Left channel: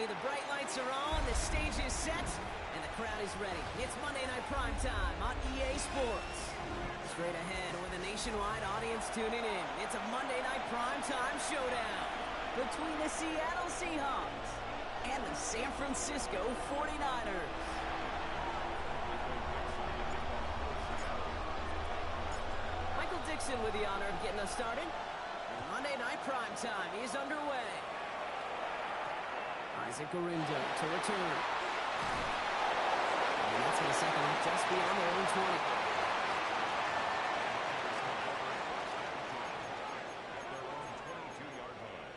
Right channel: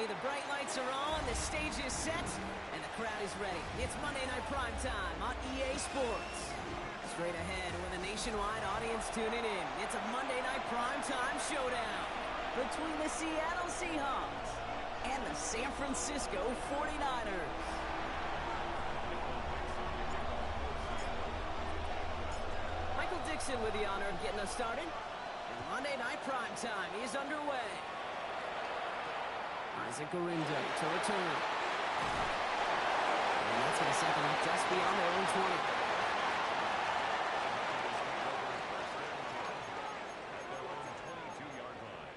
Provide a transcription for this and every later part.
finally, the bright lights are on, the stage is set, and the crowd is ready. It's Monday Night Primetime on EA Sports. Straight ahead with a nationwide audience tuning in, it's a Monday Night Primetime showdown between the Seattle Seahawks and the San Francisco 49ers. Michael Dixon with the honor of getting us started. And Monday Night Primetime is underway. Isaac Guerendo to return. And that's with a second off just beyond their own 20. At their own 22-yard line.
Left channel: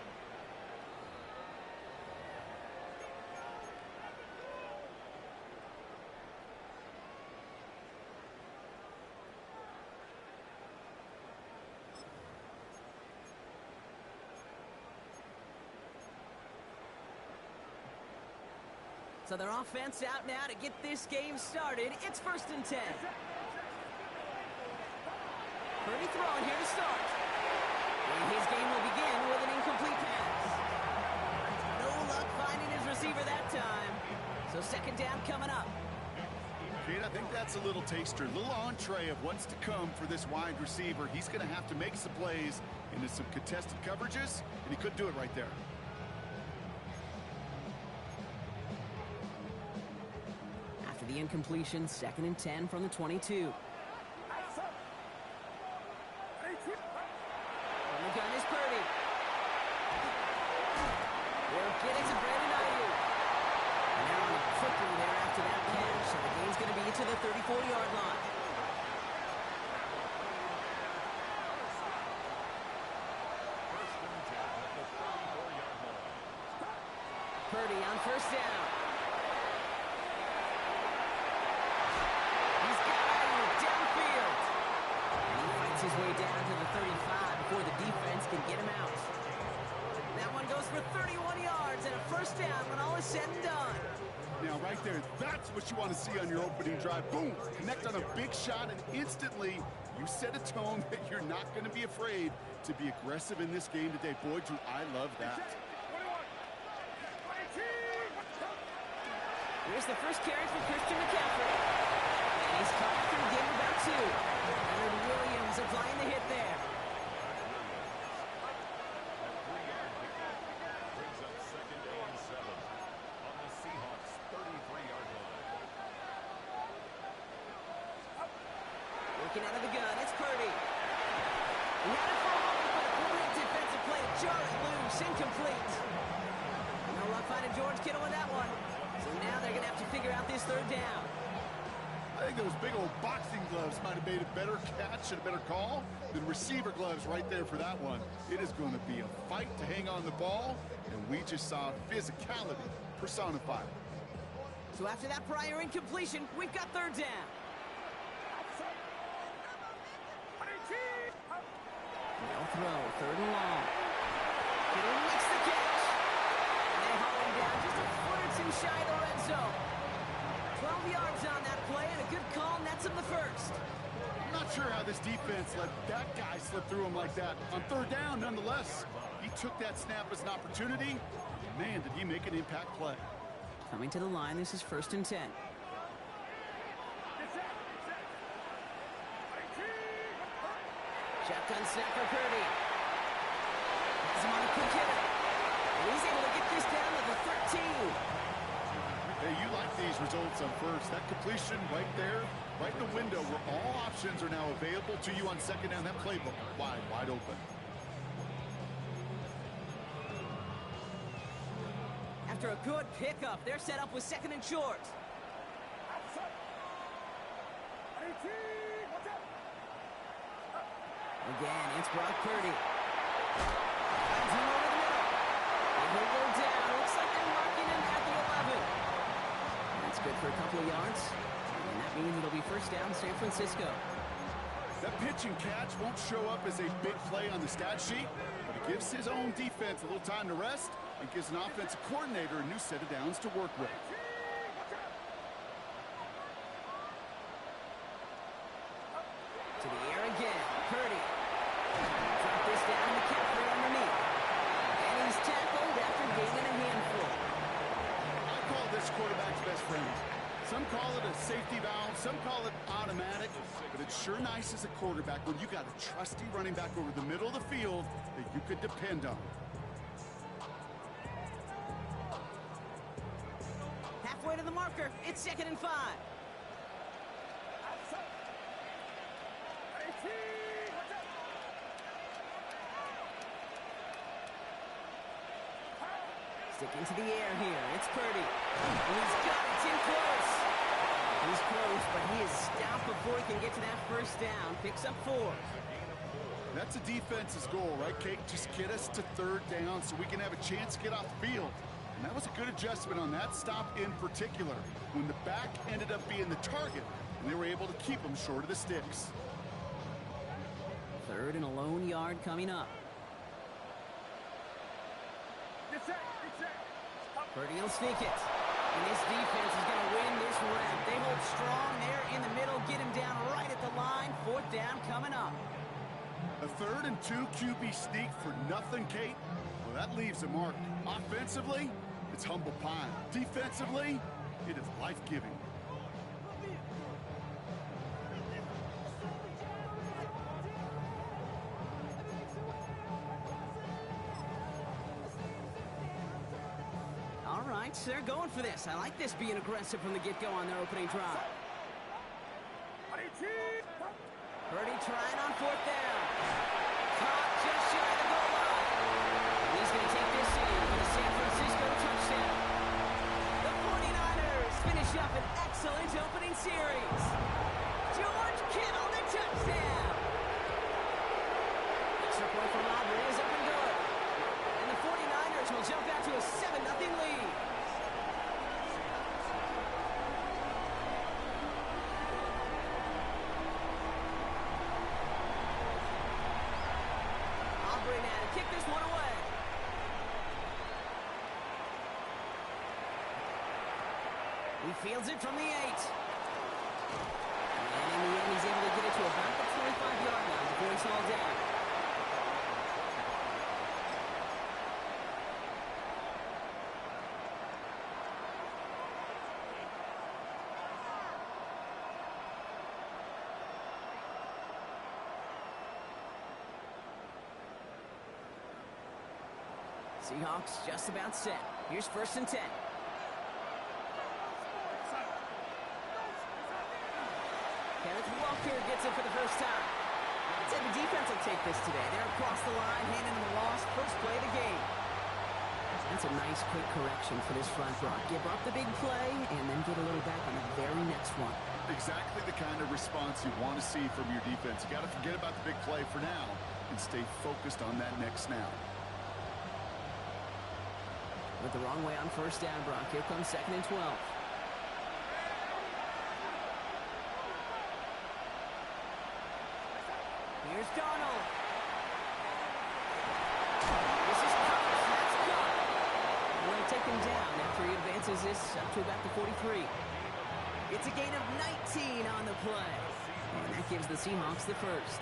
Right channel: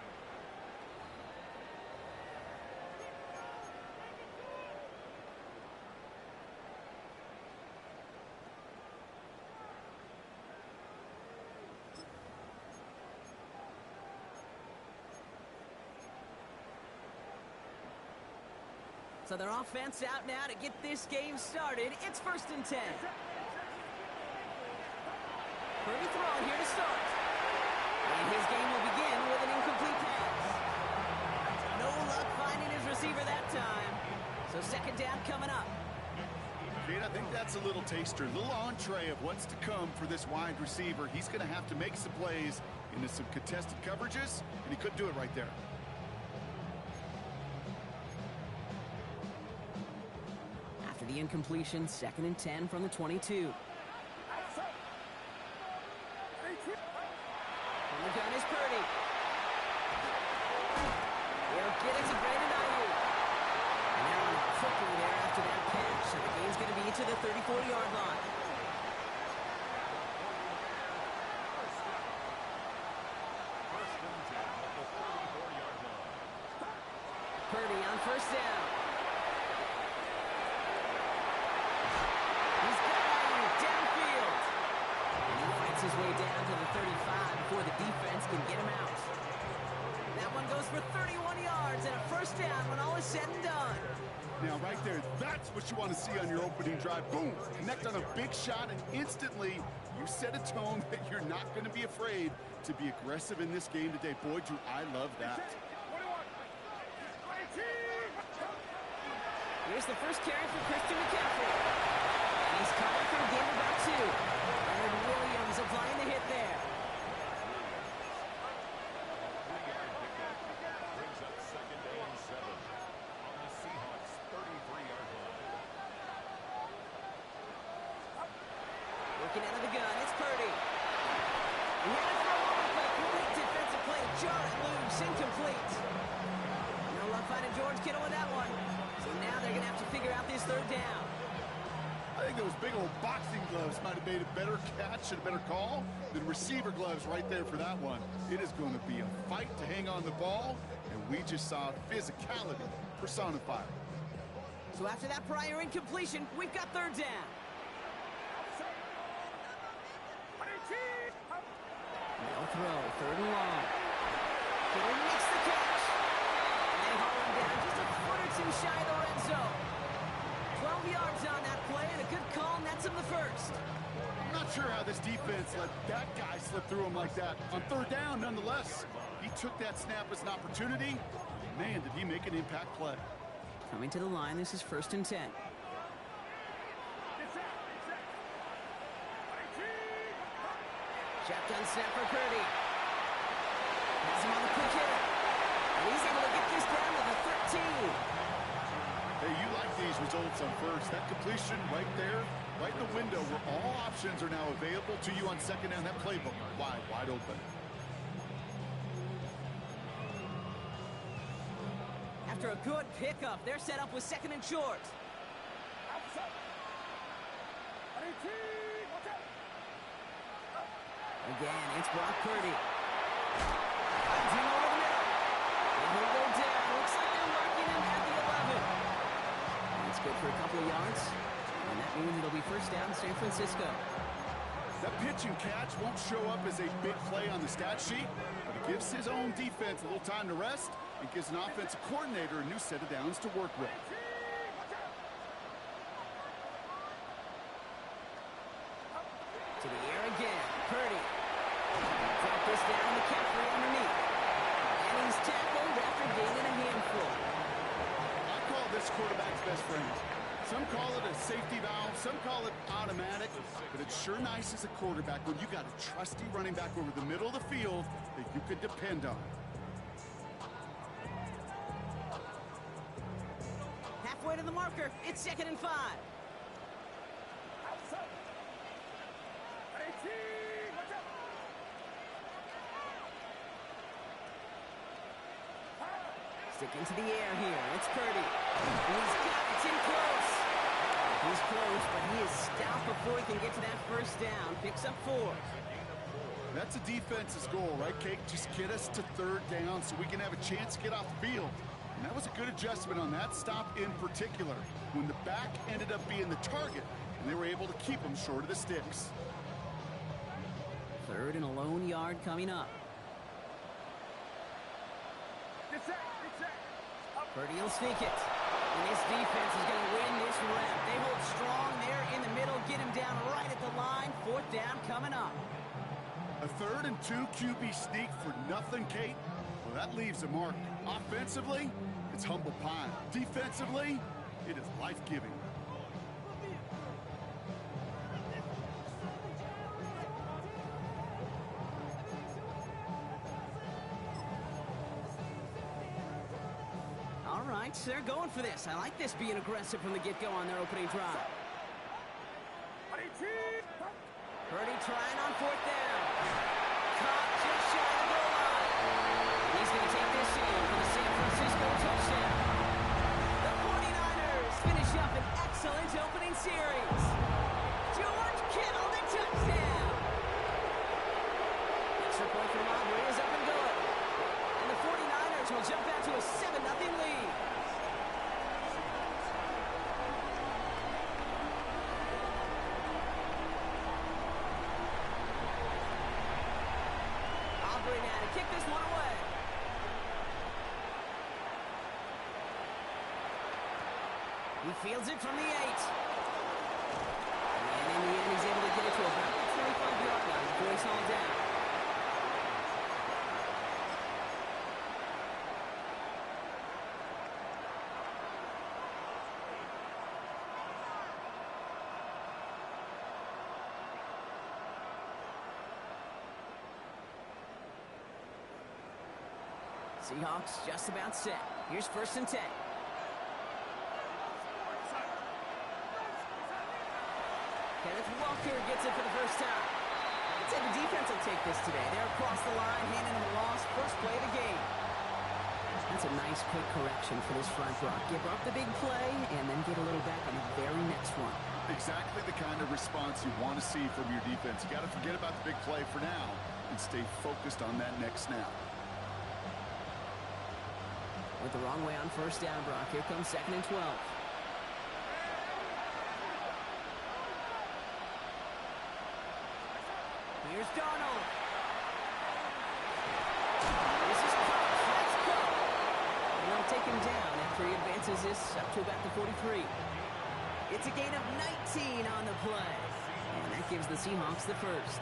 So their offense out now to get this game started. It's 1st and 10. Purdy throwing here to start. And his game will begin with an incomplete pass. No luck finding his receiver that time. So second down coming up. Kate, I think that's a little taster, a little entree of what's to come for this wide receiver. He's going to have to make some plays into some contested coverages, and he could do it right there. After the incompletion, 2nd and 10 from the 22. From the gun is Purdy. They'll get it to Brandon Ayuk. And they're on it quickly there after that catch. So the game's going to be to the 34-yard line. First and 10 at the 34-yard line. Purdy on first down. He's got Ayuk downfield. And he fights his way down to the 35 before the defense can get him out. That one goes for 31 yards and a first down when all is said and done. Now, right there, that's what you want to see on your opening drive. Boom! Connect on a big shot, and instantly you set a tone that you're not going to be afraid to be aggressive in this game today. Boy, do I love that. Here's the first carry for Christian McCaffrey. And he's caught after a game about 2. Leonard Williams applying the hit there. Brings up 2nd and 7 on the Seahawks' 33-yard line. Working out of the gun, it's Purdy. He had it for a moment, but a great defensive play to jar it loose, incomplete. No luck finding George Kittle with that one. So now they're going to have to figure out this 3rd down. I think those big old boxing gloves might have made a better catch and a better call than receiver gloves right there for that one. It is going to be a fight to hang on the ball, and we just saw physicality personified. So after that prior incompletion, we've got 3rd down. They'll throw 3rd and long. Kittle makes the catch. And they haul him down just a foot or 2 shy of the red zone. 12 yards on that play, and a good call nets him the first. I'm not sure how this defense let that guy slip through him like that. On 3rd down, nonetheless, he took that snap as an opportunity. Man, did he make an impact play. Coming to the line, this is 1st and 10. Shotgun snap for Purdy. Has him on a quick hitter. And he's able to get this down to the 13. Hey, you like these results on first. That completion right there, right in the window where all options are now available to you on 2nd down. That playbook wide open. After a good pickup, they're set up with 2nd and short. Again, it's Brock Purdy. Finds him over the middle. And he'll go down. Looks like they're marking him at the 11. That's good for a couple of yards. And that means it'll be first down San Francisco. That pitch and catch won't show up as a big play on the stat sheet, but it gives his own defense a little time to rest and gives an offensive coordinator a new set of downs to work with. To the air again. Purdy. Drop this down. McCaffrey underneath. And he's tackled after gaining a handful. quarterback's best friend. Some call it a safety valve, some call it automatic, but it's sure nice as a quarterback when you got a trusty running back over the middle of the field that you could depend on. Halfway to the marker. It's 2nd and 5. Stick into the air here. It's Purdy. And he's got it. It's in close. He's close, but he is stopped before he can get to that first down. Picks up 4. That's a defense's goal, right, Kate? Just get us to 3rd down so we can have a chance to get off the field. And that was a good adjustment on that stop in particular, when the back ended up being the target, and they were able to keep him short of the sticks. 3rd and a lone yard coming up. Purdy will sneak it. And this defense is going to win this rep. They hold strong there in the middle, get him down right at the line. 4th down coming up. A 3rd and 2 QB sneak for nothing, Kate? Well, that leaves a mark. Offensively, it's humble pie. Defensively, it is life-giving. All right, so they're going for this. I like this being aggressive from the get-go on their opening drive. Purdy trying on 4th down. Caught just shy of the goal line. And he's going to take this in for the San Francisco touchdown. The 49ers finish up an excellent opening series. George Kittle, the touchdown. Extra point from Aubrey is up and good. And the 49ers will jump out to a 7-0 lead. Aubrey now to kick this one away. He fields it from the 8. And in the end, he's able to get it to about the 25-yard line before he's hauled down. Seahawks just about set. Here's 1st and 10. Kenneth Walker gets it for the first time. I'd say the defense will take this today. They're across the line, handing them a loss. First play of the game. That's a nice quick correction for this front, Brock. Give up the big play and then get a little back on the very next one. Exactly the kind of response you want to see from your defense. You got to forget about the big play for now and stay focused on that next snap. Went the wrong way on 1st down, Brock. Here comes 2nd and 12. Here's Darnold. This is Cox. That's Cox. And they'll take him down after he advances this up to about the 43. It's a gain of 19 on the play. And that gives the Seahawks the first.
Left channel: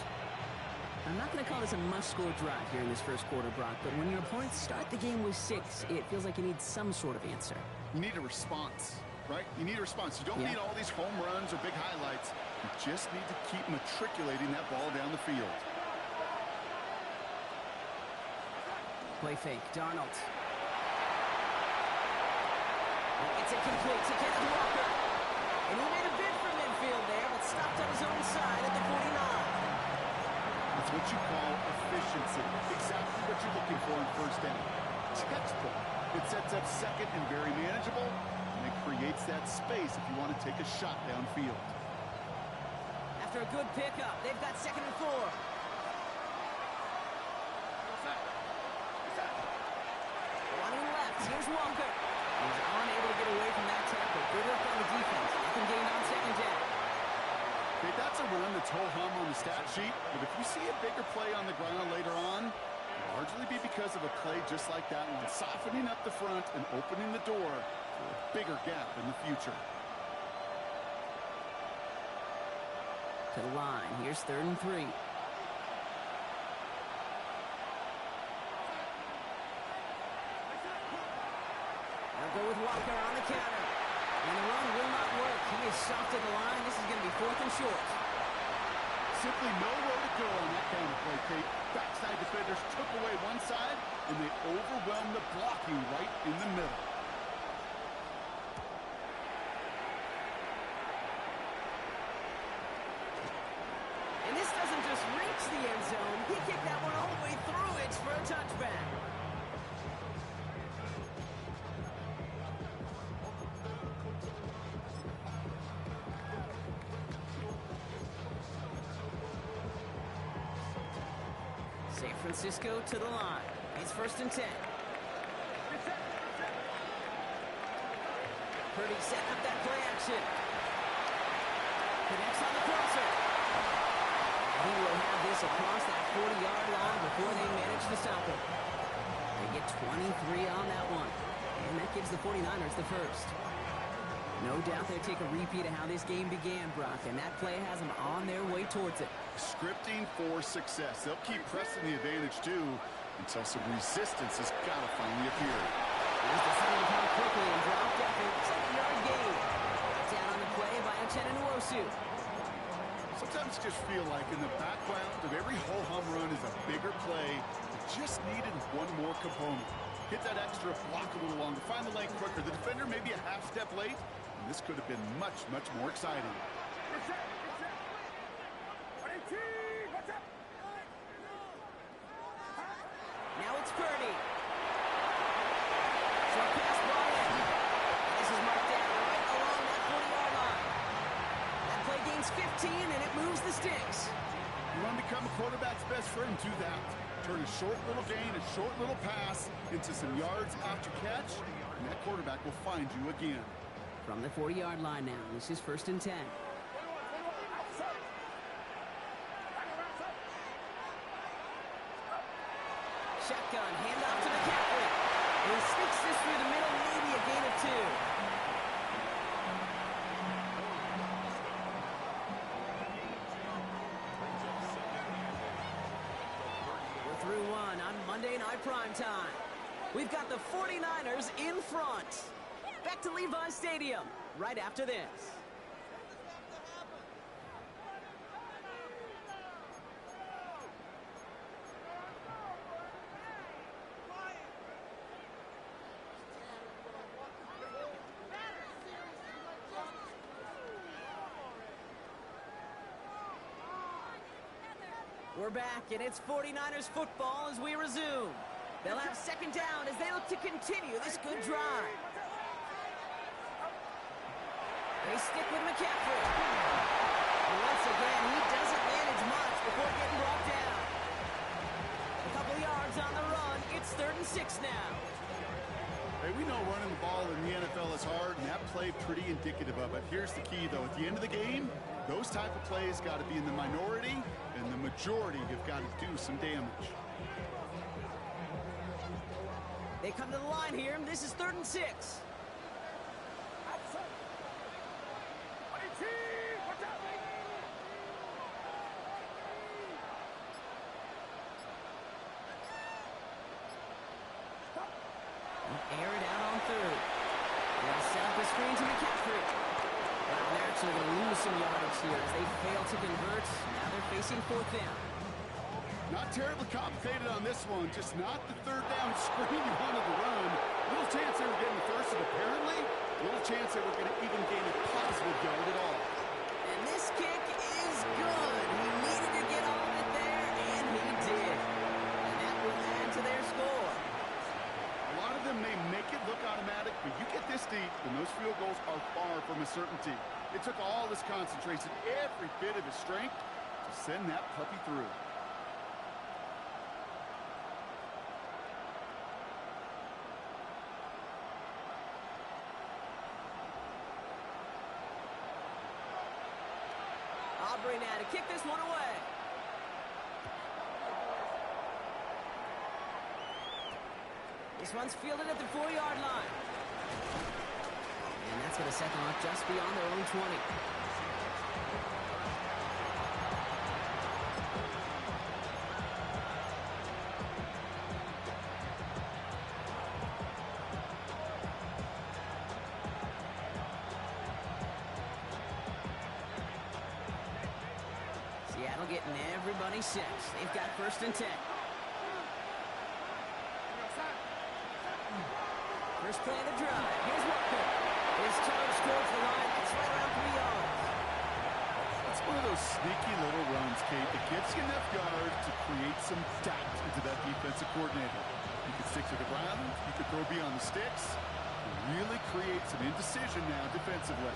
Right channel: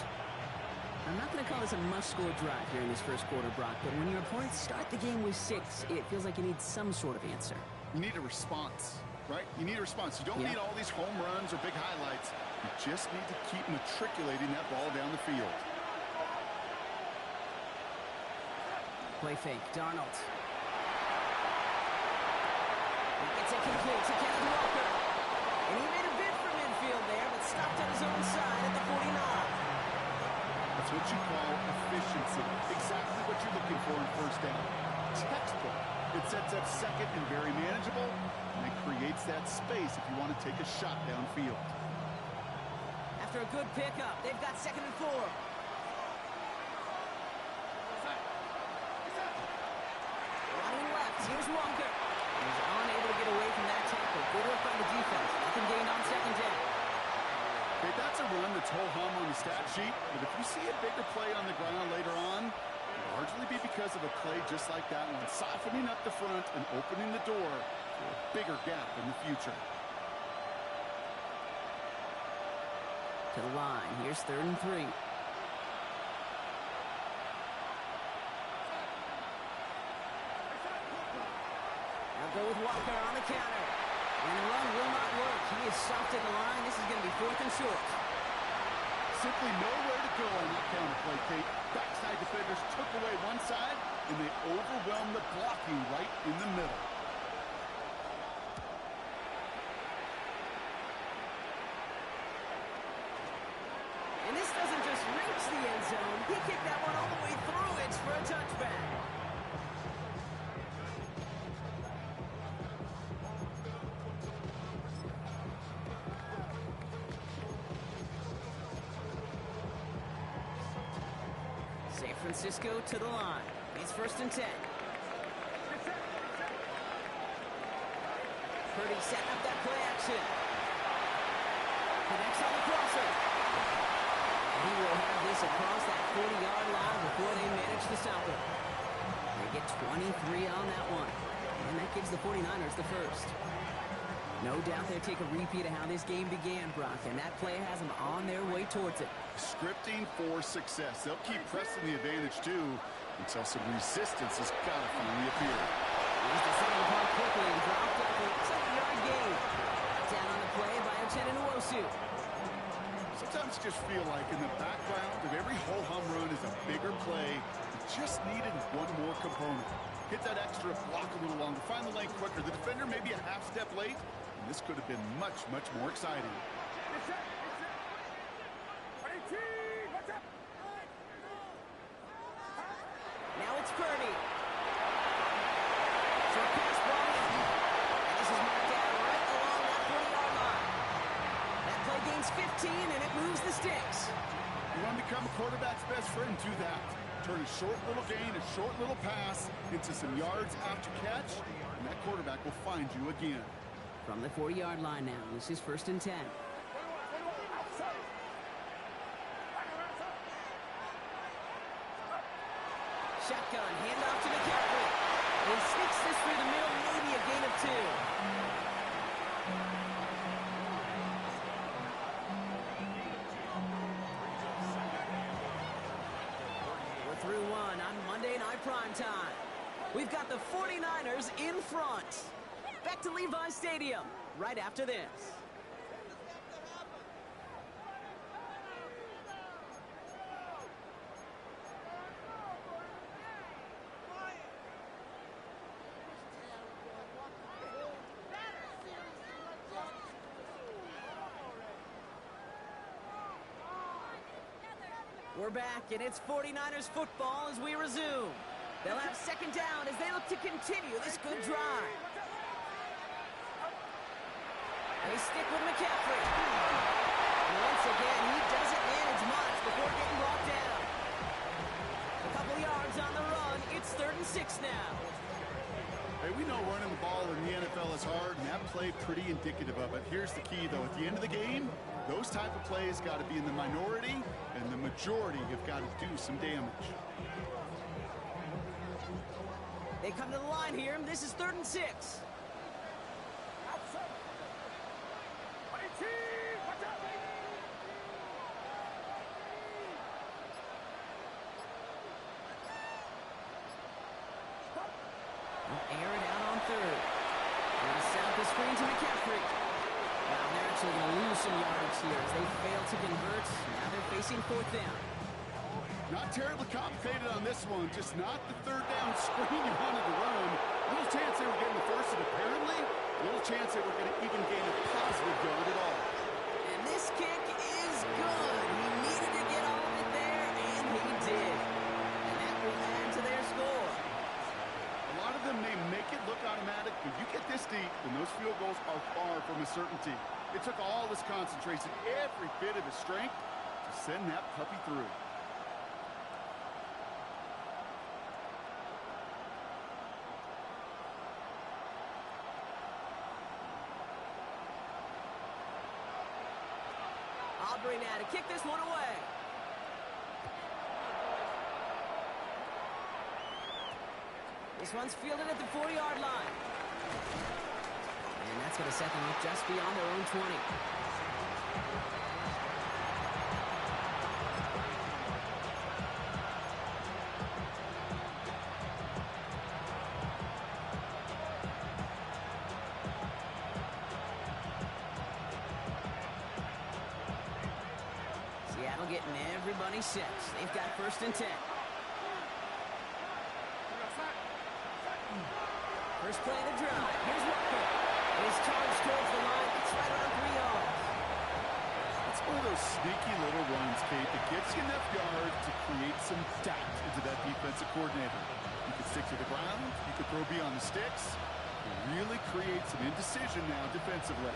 I'm not going to call this a must-score drive here in this first quarter, Brock, but when your opponents start the game with 6, it feels like you need some sort of answer. You need a response, right? You need a response. You don't need all these home runs or big highlights. You just need to keep matriculating that ball down the field. Play fake. Darnold. It's incomplete to Kenneth Walker. And he made a bid for midfield there, but stopped on his own side at the 49. That's what you call efficiency. Exactly what you're looking for in 1st down. Textbook. It sets up 2nd and very manageable, and it creates that space if you want to take a shot downfield. After a good pickup, they've got 2nd and 4. Running left, here's Walker. He's unable to get away from that tackle. Good work on the defense. Nothing gained on 2nd down. Okay, that's a run that's ho-hum on the stat sheet, but if you see a bigger play on the ground later on, it'll largely be because of a play just like that one, softening up the front and opening the door for a bigger gap in the future. To the line. Here's 3rd and 3. Now They'll go with Walker on the counter. And the run will not work. He is soft at the line. This is going to be 4th and short. Simply nowhere to go on that counter play, Kate. Backside defenders took away one side, and they overwhelmed the blocking right in the middle. And this doesn't just reach the end zone. He kicked that one all the way through it for a touchback. San Francisco to the line. It's 1st and 10. Purdy setting up that play action. Connects on the crosser. And he will have this across that 40-yard line before they manage to stop it. They get 23 on that one. And that gives the 49ers the first. No doubt they'll take a repeat of how this game began, Brock, and that play has them on their way towards it. Scripting for success. They'll keep pressing the advantage, too, until some resistance has got to finally appear. He's decided upon quickly and dropped after a 2-yard gain. Brought down on the play by Uchenna Nwosu. Sometimes you just feel like in the background of every ho-hum run is a bigger play. It just needed one more component. Hit that extra block a little longer. Find the lane quicker. The defender may be a half step late. And this could have been much, much more exciting. Now it's Purdy. Short pass brought in. And this is marked down right along that 40-yard line. That play gains 15, and it moves the sticks. You want to become a quarterback's best friend, do that. Turn a short little gain, a short little pass into some yards after catch, and that quarterback will find you again. From the 40-yard line now, this is 1st and 10. Shotgun, handoff to McCaffrey. And he sneaks this through the middle, maybe a gain of 2. We're through one on Monday Night Primetime. We've got the 49ers in front. Back to Levi Stadium right after this. We're back, and it's 49ers football as we resume. They'll have 2nd down as they look to continue this good drive. They stick with McCaffrey. And once again, he doesn't manage much before getting brought down. A couple yards on the run. It's 3rd and 6 now. Hey, we know running the ball in the NFL is hard, and that play pretty indicative of it. Here's the key, though. At the end of the game, those type of plays got to be in the minority, and the majority have got to do some damage. They come to the line here, and this is 3rd and 6. They'll air it out on 3rd. They'll set up the screen to McCaffrey. Wow, they're actually going to lose some yardage here as they fail to convert. Now they're facing 4th down. Not terribly complicated on this one, just not the 3rd down screen you wanted to run. Little chance they were getting the first, and apparently, little chance they were going to even gain a positive yard at all. And this kick is good. He needed to get all of it there, and he did. And that will add to their score. A lot of them may make it look automatic, but you get this deep, and those field goals are far from a certainty. It took all his concentration, every bit of his strength, to send that puppy through. Aubrey now to kick this one away. This one's fielded at the 4-yard line. And that's going to set them up just beyond their own 20. getting everybody set. They've got 1st and 10. First play of the drive. Here's Walker. His charge towards the line. It's right around 3 yards. That's one of those sneaky little runs, Kate, that gets you enough yards to create some doubt into that defensive coordinator. You could stick to the ground. You could throw beyond the sticks. It really creates some indecision now defensively.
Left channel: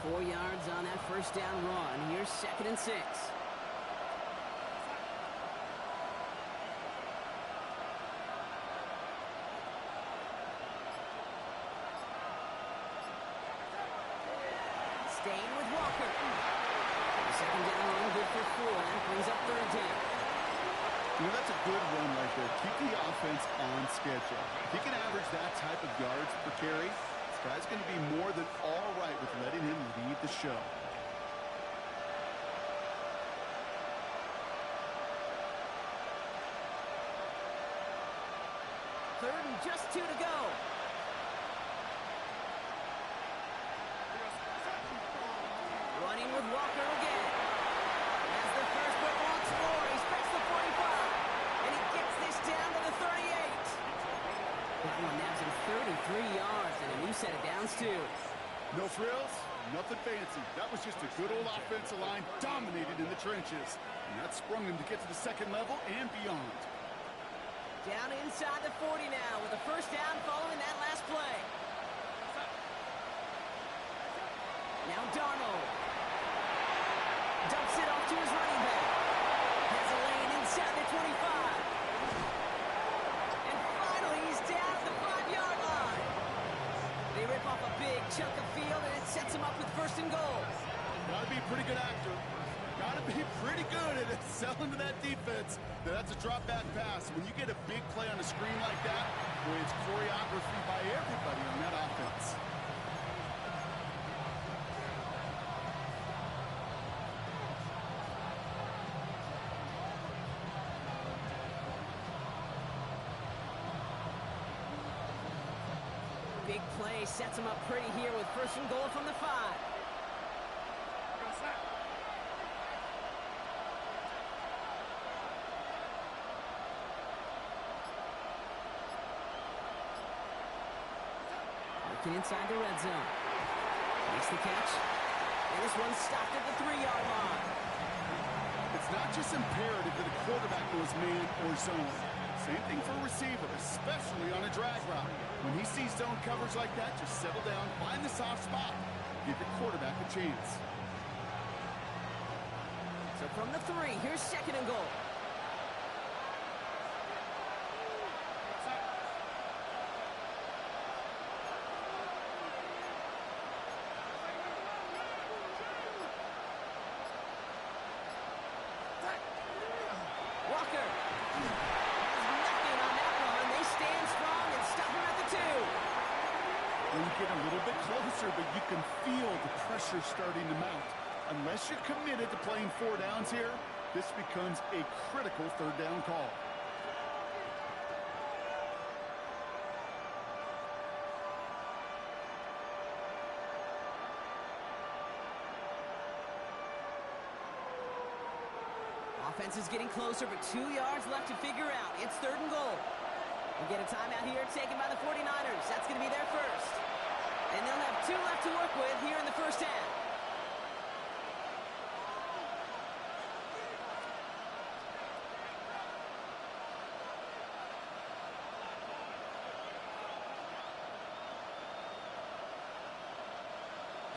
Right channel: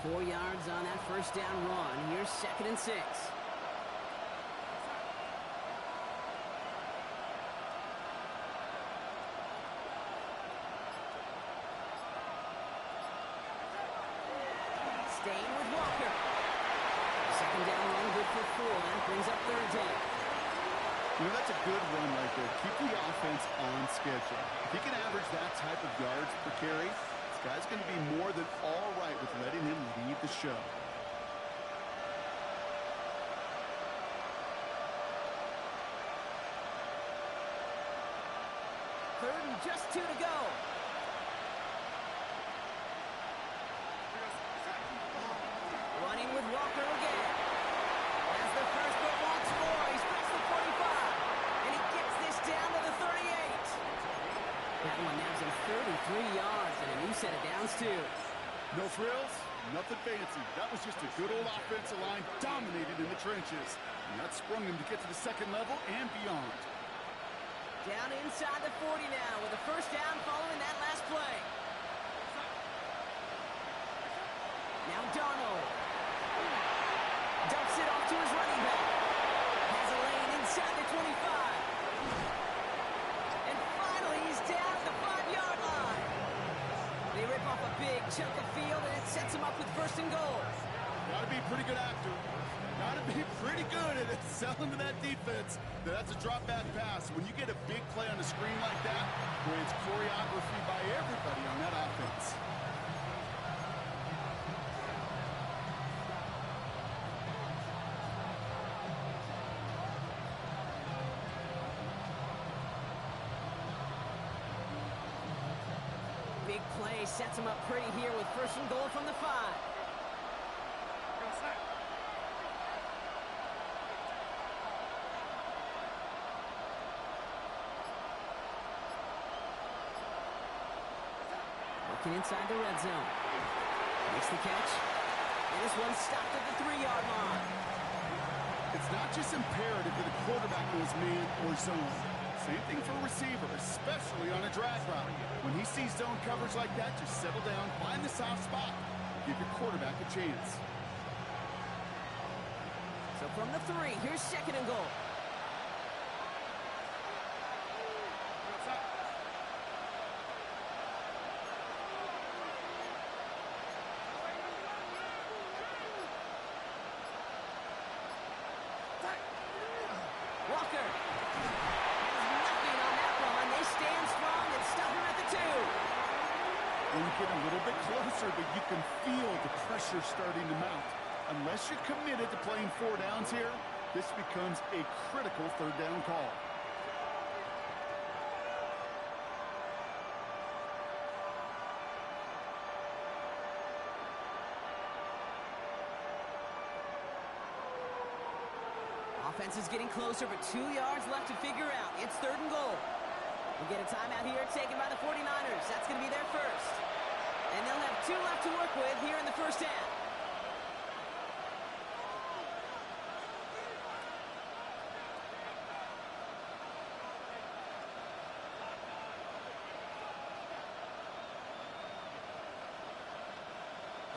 Four yards on that first down run. Here's 2nd and 6. Staying with Walker. The 2nd down run good for 4. That brings up 3rd down. You know, that's a good run right there. Keep the offense on schedule. If he can average that type of yards per carry, this guy's going to be more than all right with letting him lead the show. Third and just 2 to go. Running with Walker again. Has the first but wants more. He's past the 45. And he gets this down to the 38. That one nabs him 33 yards and a new set of downs, too. No frills, nothing fancy. That was just a good old offensive line dominated in the trenches. And that sprung him to get to the 2nd level and beyond. Down inside the 40 now with a first down following that last play. Now Darnold. Dumps it off to his running back. Has a lane inside the 25. And finally, he's down at the 5-yard line. They rip off a big chunk of field, and it sets him up with 1st and goal. Got to be a pretty good actor. Got to be pretty good at selling to that defense. That's a drop-back pass. When you get a big play on a screen like that, boy, it's choreography by everybody on that offense. Big play sets him up pretty here with 1st and goal from the 5. Working inside the red zone. Makes the catch. And this one's stopped at the 3-yard line. It's not just imperative that a quarterback knows man or zone. Same thing for a receiver, especially on a drag route. When he sees zone coverage like that, just settle down, find the soft spot. Give your quarterback a chance. So from the 3, here's 2nd and goal. Walker has nothing on that run. They stand strong and stop him at the 2. When you get a little bit closer, but you can feel the pressure starting to mount. Unless you're committed to playing 4 downs here, this becomes a critical 3rd down call. Offense is getting closer, but 2 yards left to figure out. It's 3rd and goal. We'll get a timeout here taken by the 49ers. That's going to be their first. And they'll have 2 left to work with here in the first half.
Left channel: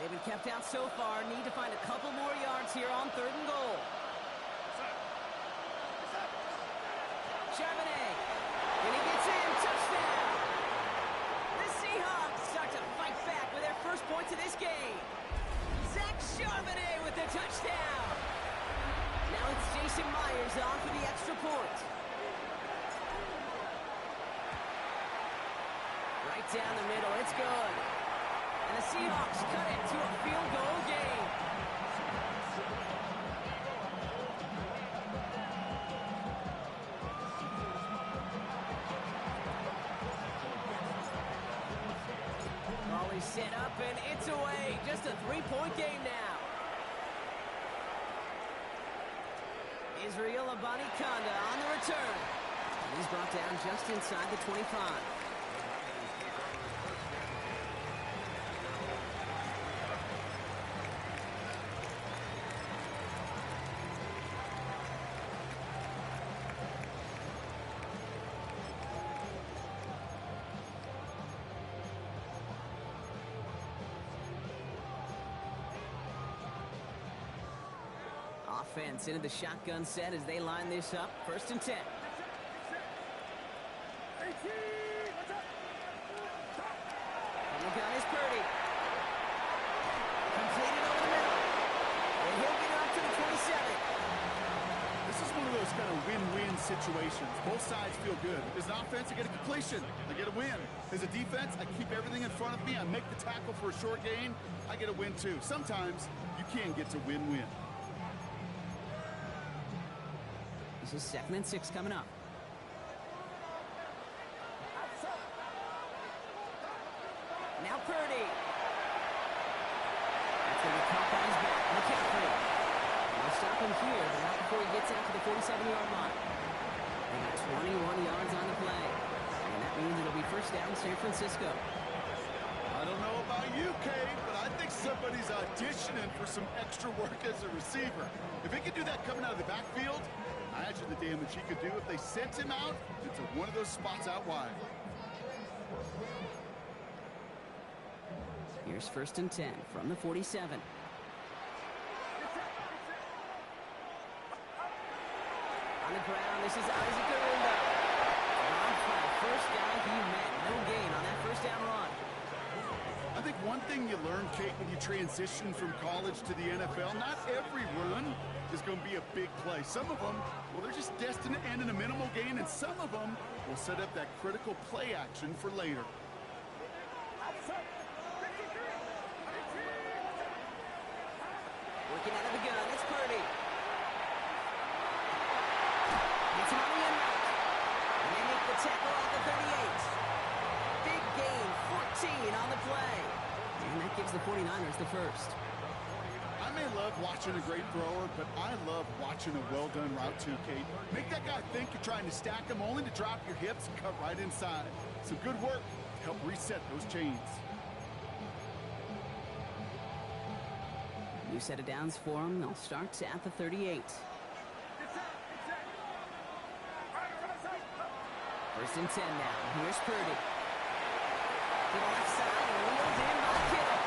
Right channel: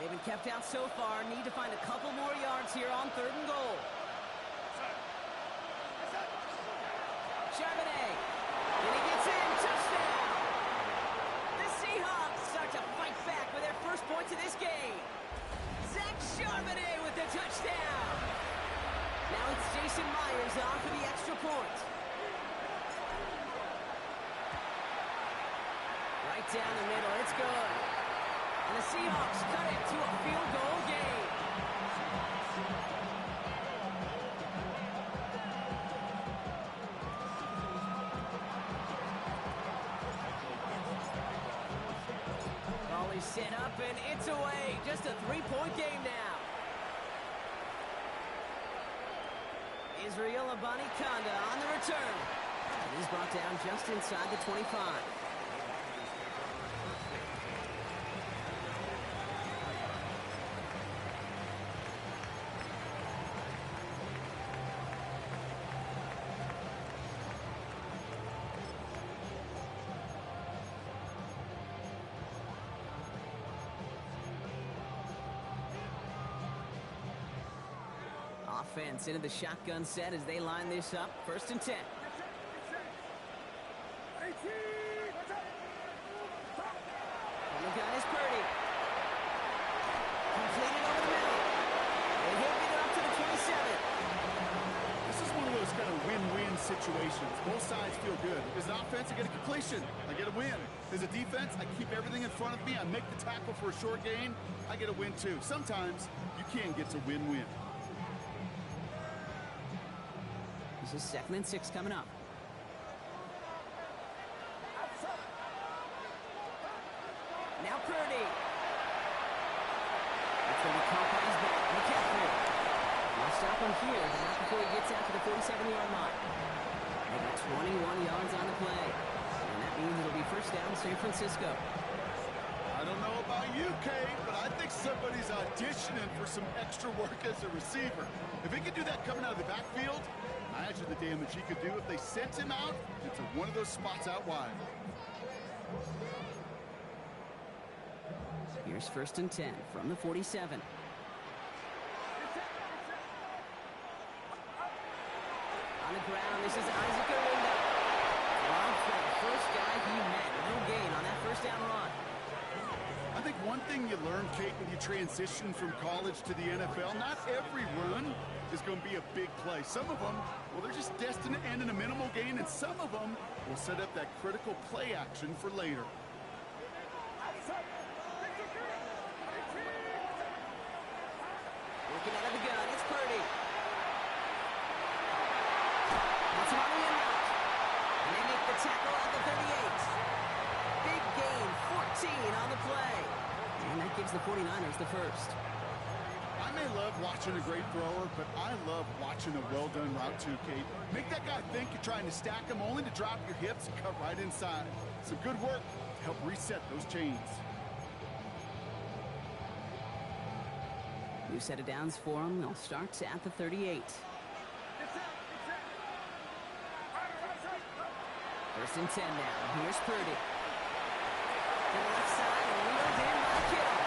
They've been kept out so far. Need to find a couple more yards here on 3rd and goal. Charbonnet. And he gets in. Touchdown. The Seahawks start to fight back with their first points of this game. Zach Charbonnet with the touchdown. Now it's Jason Myers on for the extra point. Right down the middle, it's good. And the Seahawks cut it to a field goal game. Ball is set up and it's away. Just a 3-point game now. Israel Abanikanda on the return. He's brought down just inside the 25. Offense into the shotgun set as they line this up. 1st and 10. From the gun is Purdy. Completed over the middle. And he'll get it up to the 27. This is one of those kind of win-win situations. Both sides feel good. As an offense, I get a completion. I get a win. As a defense, I keep everything in front of me. I make the tackle for a short gain. I get a win too. Sometimes you can get to win-win. This is 2nd and 6 coming up. Now Purdy. That's going to be caught by his back. McCaffrey. They'll stop him here, but not before he gets out to the 47-yard line. They got 21 yards on the play. And that means it'll be 1st down San Francisco. I don't know about you, Kate, but I think somebody's auditioning for some extra work as a receiver. If he could do that coming out of the backfield, imagine the damage he could do if they sent him out into one of those spots out wide. Here's 1st and 10 from the 47. On the ground, this is Isaac Arinda. Rob Flynn, first guy he met. No gain on that 1st down run. I think one thing you learn, Kate, when you transition from college to the NFL, not every run is going to be a big play. Some of them, well, they're just destined to end in a minimal gain, and some of them will set up that critical play action for later. Working out of the gun, it's Purdy. It's on the end route. And they make the tackle at the 38. Big gain, 14 on the play. And that gives the 49ers the 1st. I may love watching a great thrower, but I love watching a well-done route too, Kate. Make that guy think you're trying to stack him, only to drop your hips and cut right inside. Some good work to help reset those chains. New set of downs for them. They'll start at the 38. 1st and 10 now. Here's Purdy. To the left side and wheeled in by Kittle.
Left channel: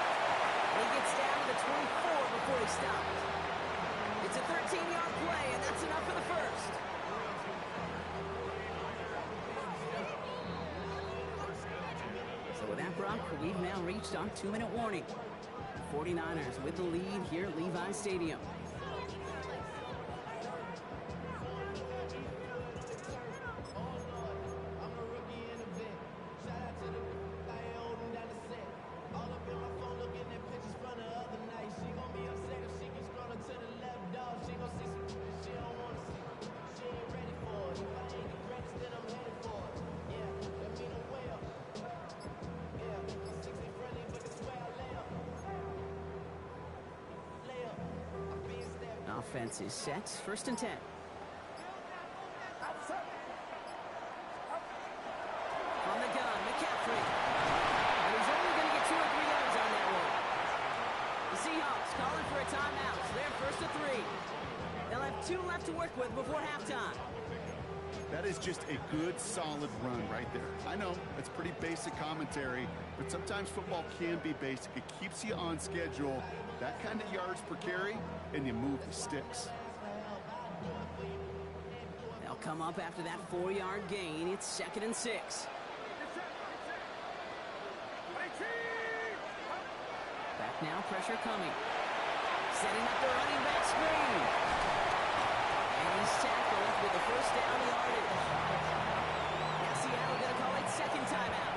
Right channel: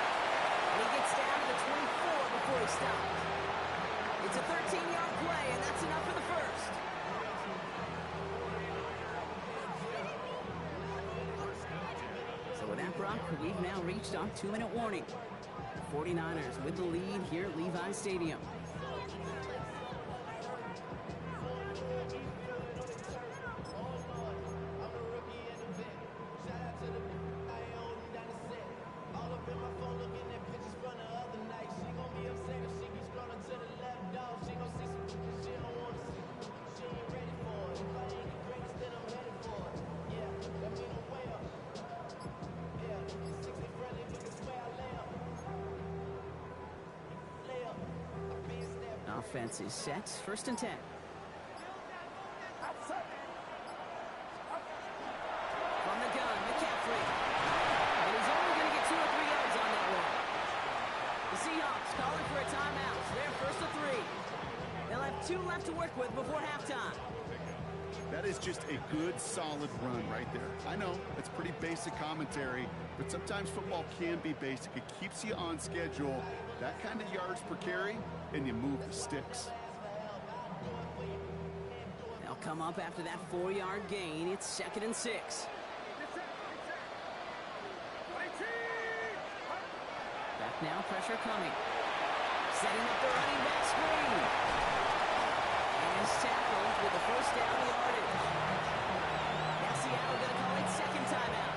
And he gets down to the 24 before he stops. It's a 13-yard play, and that's enough for the 1st. So with that, Brock, we've now reached our 2-minute warning. 49ers with the lead here at Levi Stadium. Offense is set. 1st and 10. From the gun, McCaffrey. And he's only going to get 2 or 3 yards on that one. The Seahawks calling for a timeout. So they're 1st and 3. They'll have 2 left to work with before halftime. That is just a good, solid run right there. I know, it's pretty basic commentary, but sometimes football can be basic. It keeps you on schedule. That kind of yards per carry, and you move the sticks. They'll come up after that 4-yard gain. It's 2nd and 6. Back now, pressure coming. Setting up the running back screen. And he's tackled with the first down yardage. Now Seattle going to call it second timeout.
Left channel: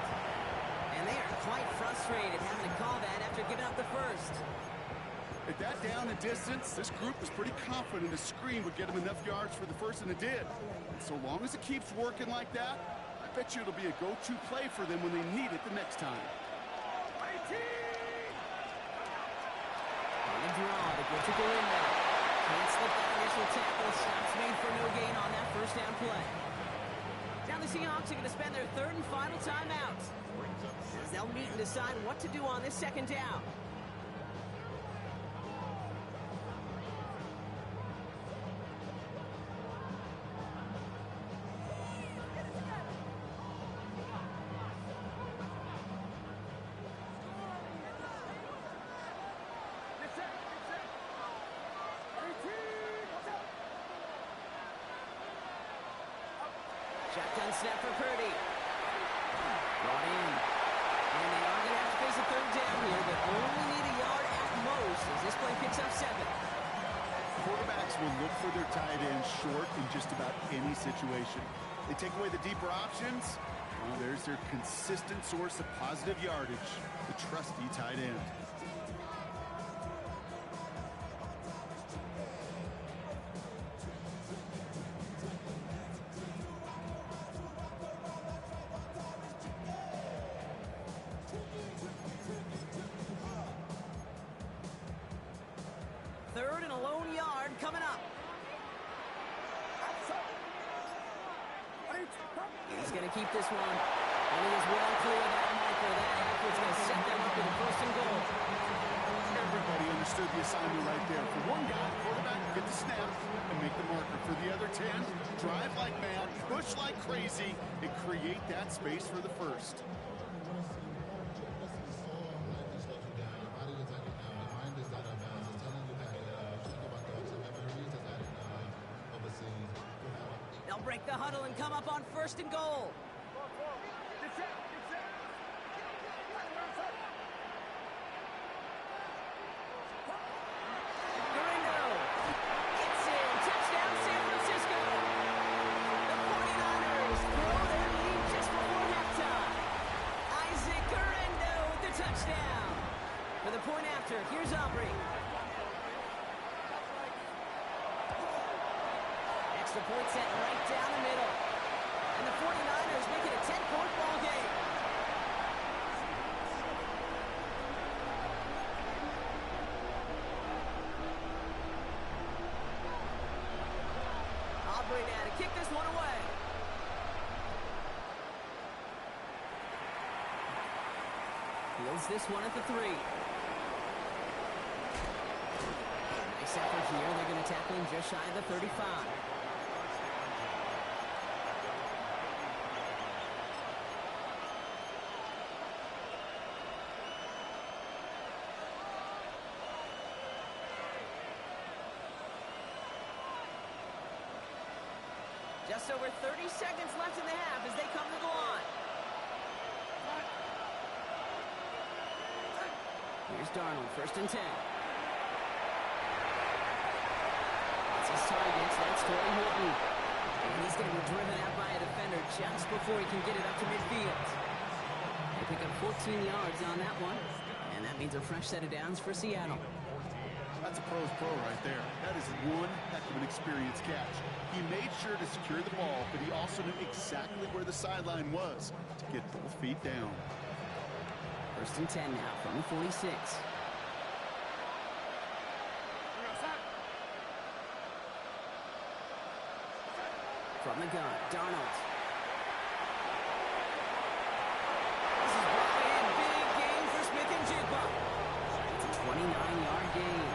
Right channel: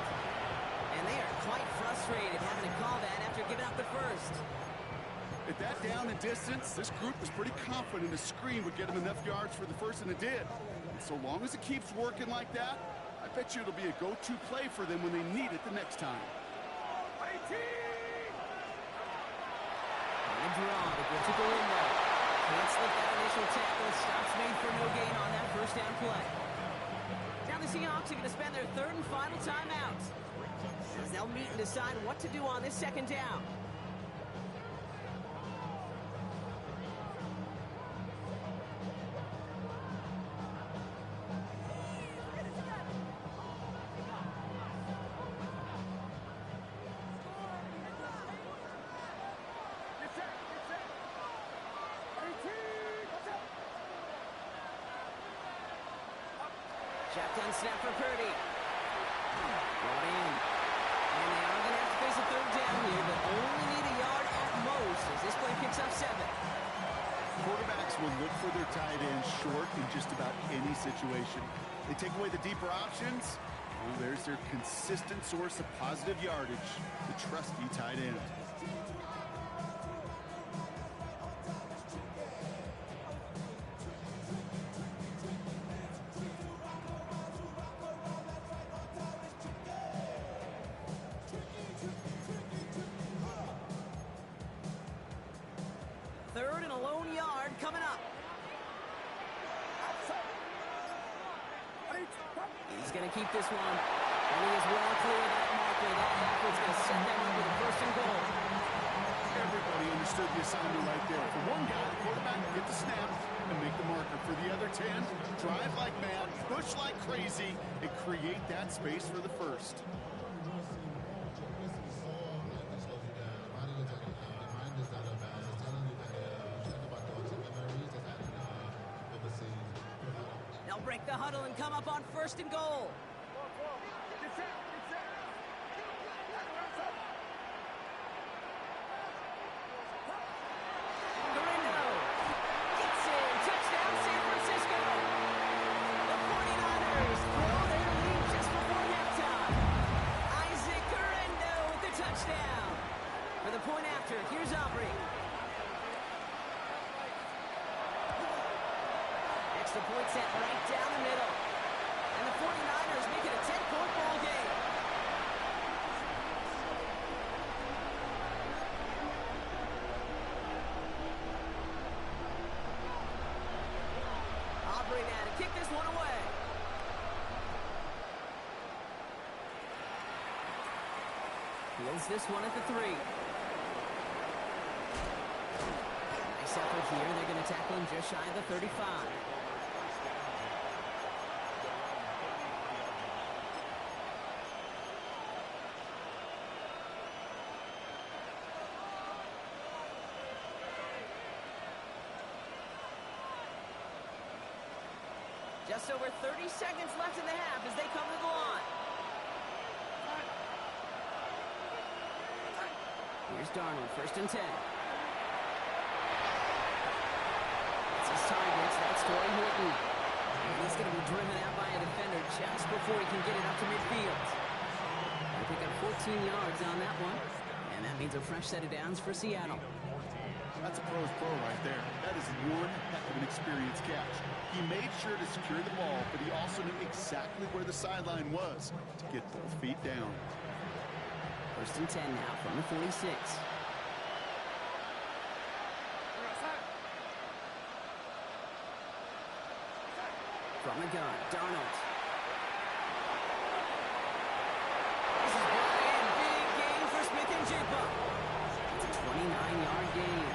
And they are quite frustrated having to call that after giving up the first. At that down and distance, this group was pretty confident a screen would get them enough yards for the first, and it did. And so long as it keeps working like that, I bet you it'll be a go-to play for them when they need it the next time. On the draw to get to Garindo. Can't slip that initial tackle. Stops made for no gain on that first down play. Now the Seahawks are going to spend their third and final timeout, as they'll meet and decide what to do on this second down. Shotgun snap for Purdy. Brought in. And they are going to have to face a third down here, but only need a yard at most as this play picks up 7. Quarterbacks will look for their tight ends short in just about any situation. They take away the deeper options. Well, there's their consistent source of positive yardage, the trusty tight end. Third and a lone yard coming up. He's going to keep this one. And he is well clear of that marker. That effort's going to set them up with a first and goal. Everybody understood the assignment right there. For one guy, the quarterback will get the snap and make the marker. For the other 10, drive like mad, push like crazy, and create that space for the first. They'll break the huddle and come up on first and goal. Garindo gets in. Touchdown, San Francisco. The 49ers throw their lead just before halftime. Isaac Garindo with the touchdown. For the point after, here's Aubrey. Extra point set right down the middle. And the 49ers make it a 10-point ball game. Aubrey now to kick this one away. Fields this one at the 3. Nice effort here. They're going to tackle him just shy of the 35. Just over 30 seconds left in the half as they come to the line. Here's Darnold, first and 10. That's his targets. That's Torrey Horton. And he's going to be driven out by a defender just before he can get it up to midfield. They pick up 14 yards on that one. And that means a fresh set of downs for Seattle. That's a pro's pro right there. That is one heck of an experienced catch. He made sure to secure the ball, but he also knew exactly where the sideline was to get both feet down. First and 10 now from the 46. From the gun, Darnold. This is brought in. Big gain for Smith-Njigba. It's a 29-yard gain.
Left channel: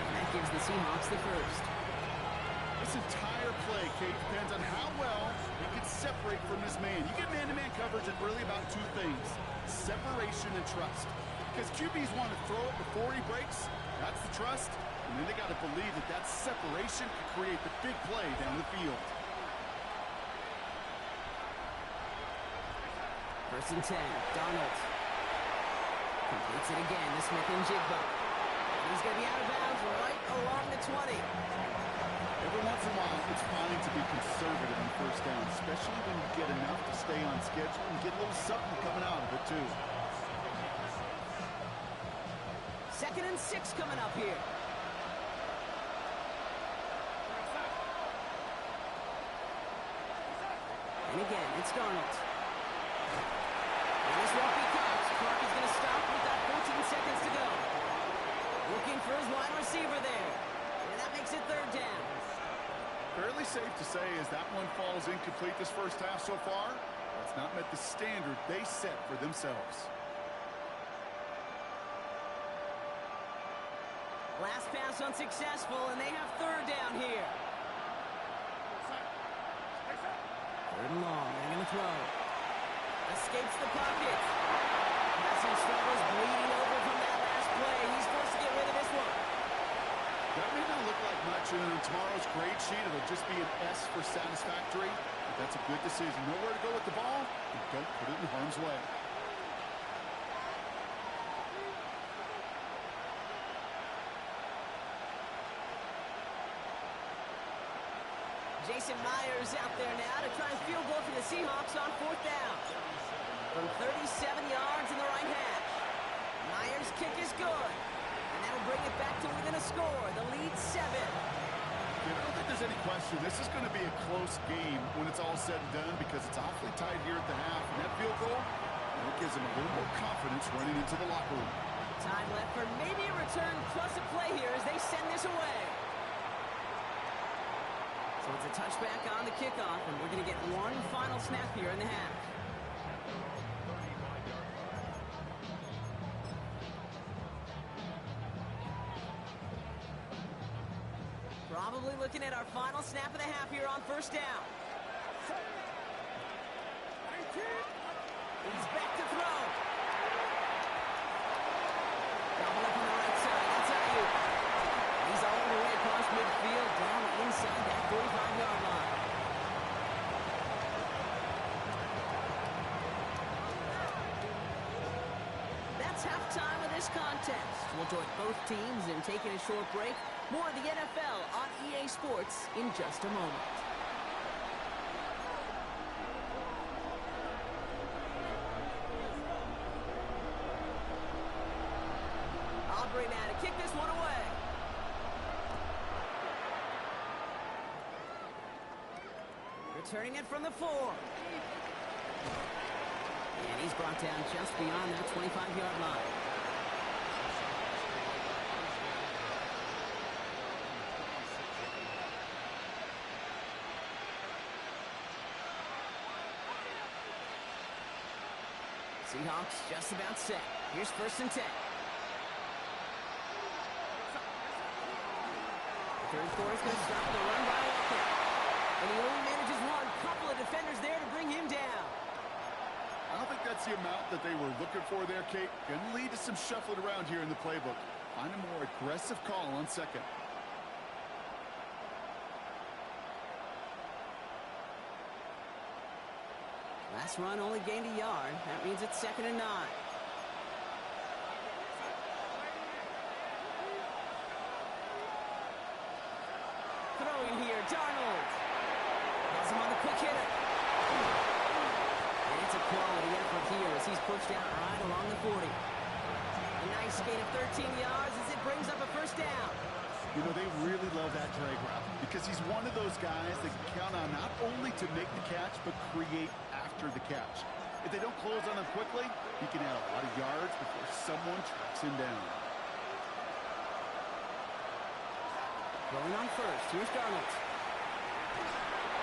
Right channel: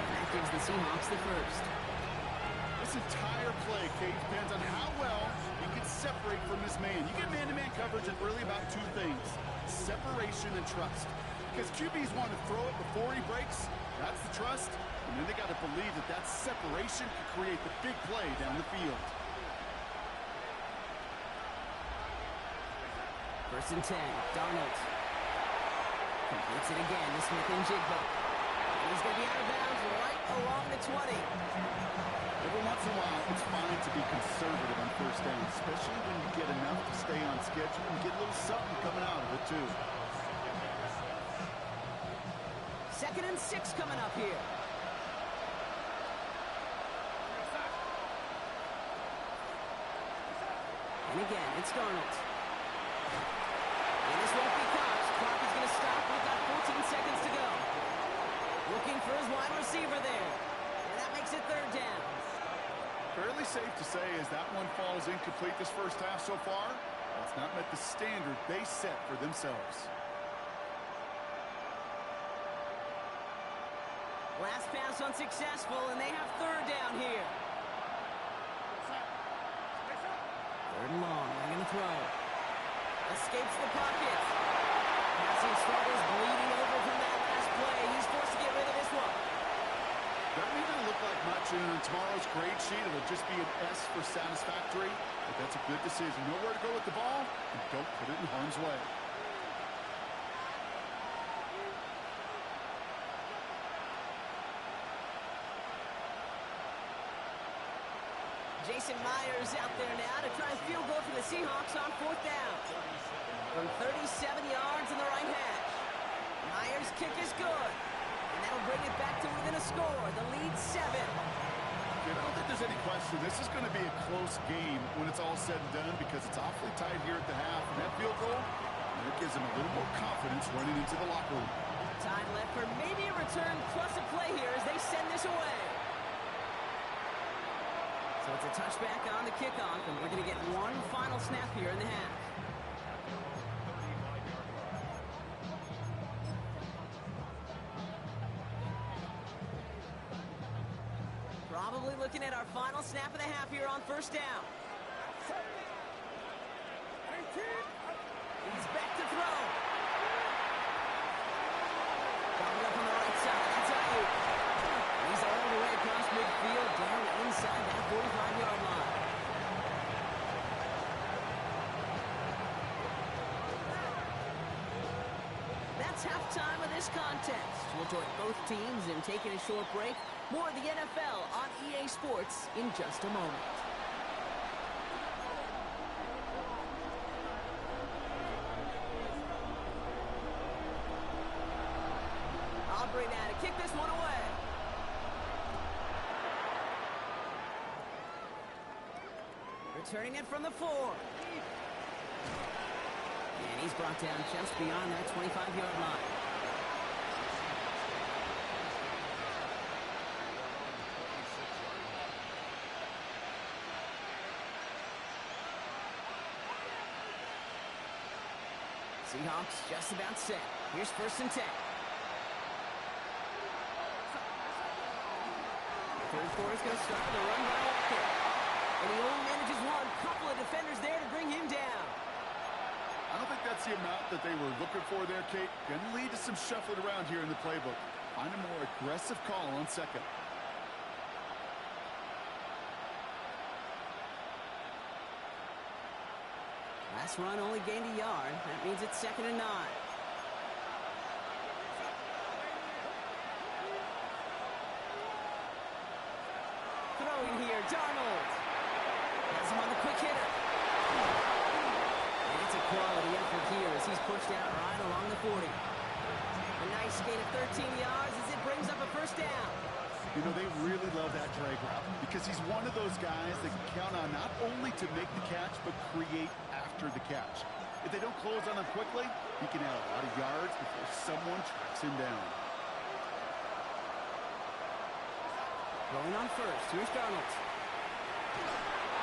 And that gives the Seahawks the first. This entire play, Kate, depends on how well he can separate from his man. You get man-to-man coverage and really about two things: separation and trust. Because QBs want to throw it before he breaks. That's the trust. And then they got to believe that that separation can create the big play down the field. First and 10, Darnold completes it again to Smith-Njigba. He's going to be out of bounds right along the 20. Every once in a while, it's fine to be conservative on first down, especially when you get enough to stay on schedule and get a little something coming out of it, too. 2nd and 6 coming up here. And again, it's Darnold. And this won't be Cox. Clock is going to stop. We've got 14 seconds to go. Looking for his wide receiver there. And that makes it 3rd down. Fairly safe to say as that one falls incomplete this first half so far, it's not met the standard they set for themselves. Last pass unsuccessful, and they have 3rd down here. 3rd and long. They're going to throw. Escapes the pocket. Passing struggles, bleeding over from that last play. He's forced to get rid of this one. That may not look like much, and on tomorrow's grade sheet, it'll just be an S for satisfactory, but that's a good decision. Know where to go with the ball, and don't put it in harm's way. Jason Myers out there now to try and field goal for the Seahawks on 4th down. From 37 yards in the right hash. Myers' kick is good. And that'll bring it back to within a score. The lead 7. I don't think there's any question. This is going to be a close game when it's all said and done because it's awfully tight here at the half. And that field goal, and it gives them a little more confidence running into the locker room. Time left for maybe a return plus a play here as they send this away. So it's a touchback on the kickoff, and we're going to get one final snap here in the half. Probably looking at our final snap of the half here on 1st down. He's back to throw. Gobbled up on the right side. That's Ayuk. He's all the way across midfield, down inside that 45-yard line. That's halftime of this contest. We'll join both teams in taking a short break. More of the NFL on EA Sports in just a moment. Aubrey now to kick this one away. Returning it from the 4. And he's brought down just beyond that 25-yard line. Seahawks just about set. Here's 1st and 10. The 3rd quarter is going to start with a run by Walker. And he only manages one. Couple of defenders there to bring him down. I don't think that's the amount that they were looking for there, Kate. Going to lead to some shuffling around here in the playbook. Find a more aggressive call on 2nd. Last run only gained a yard. That means it's 2nd and 9. Throwing here, Darnold. Has him on the quick hitter. And it's a quality effort here as he's pushed out right along the 40. A nice gain of 13 yards as it brings up a 1st down. You know, they really love that drag route because he's one of those guys that can count on not only to make the catch, but create after the catch. If they don't close on him quickly, he can add a lot of yards before someone tracks him down. Rolling on 1st. Here's Darnold.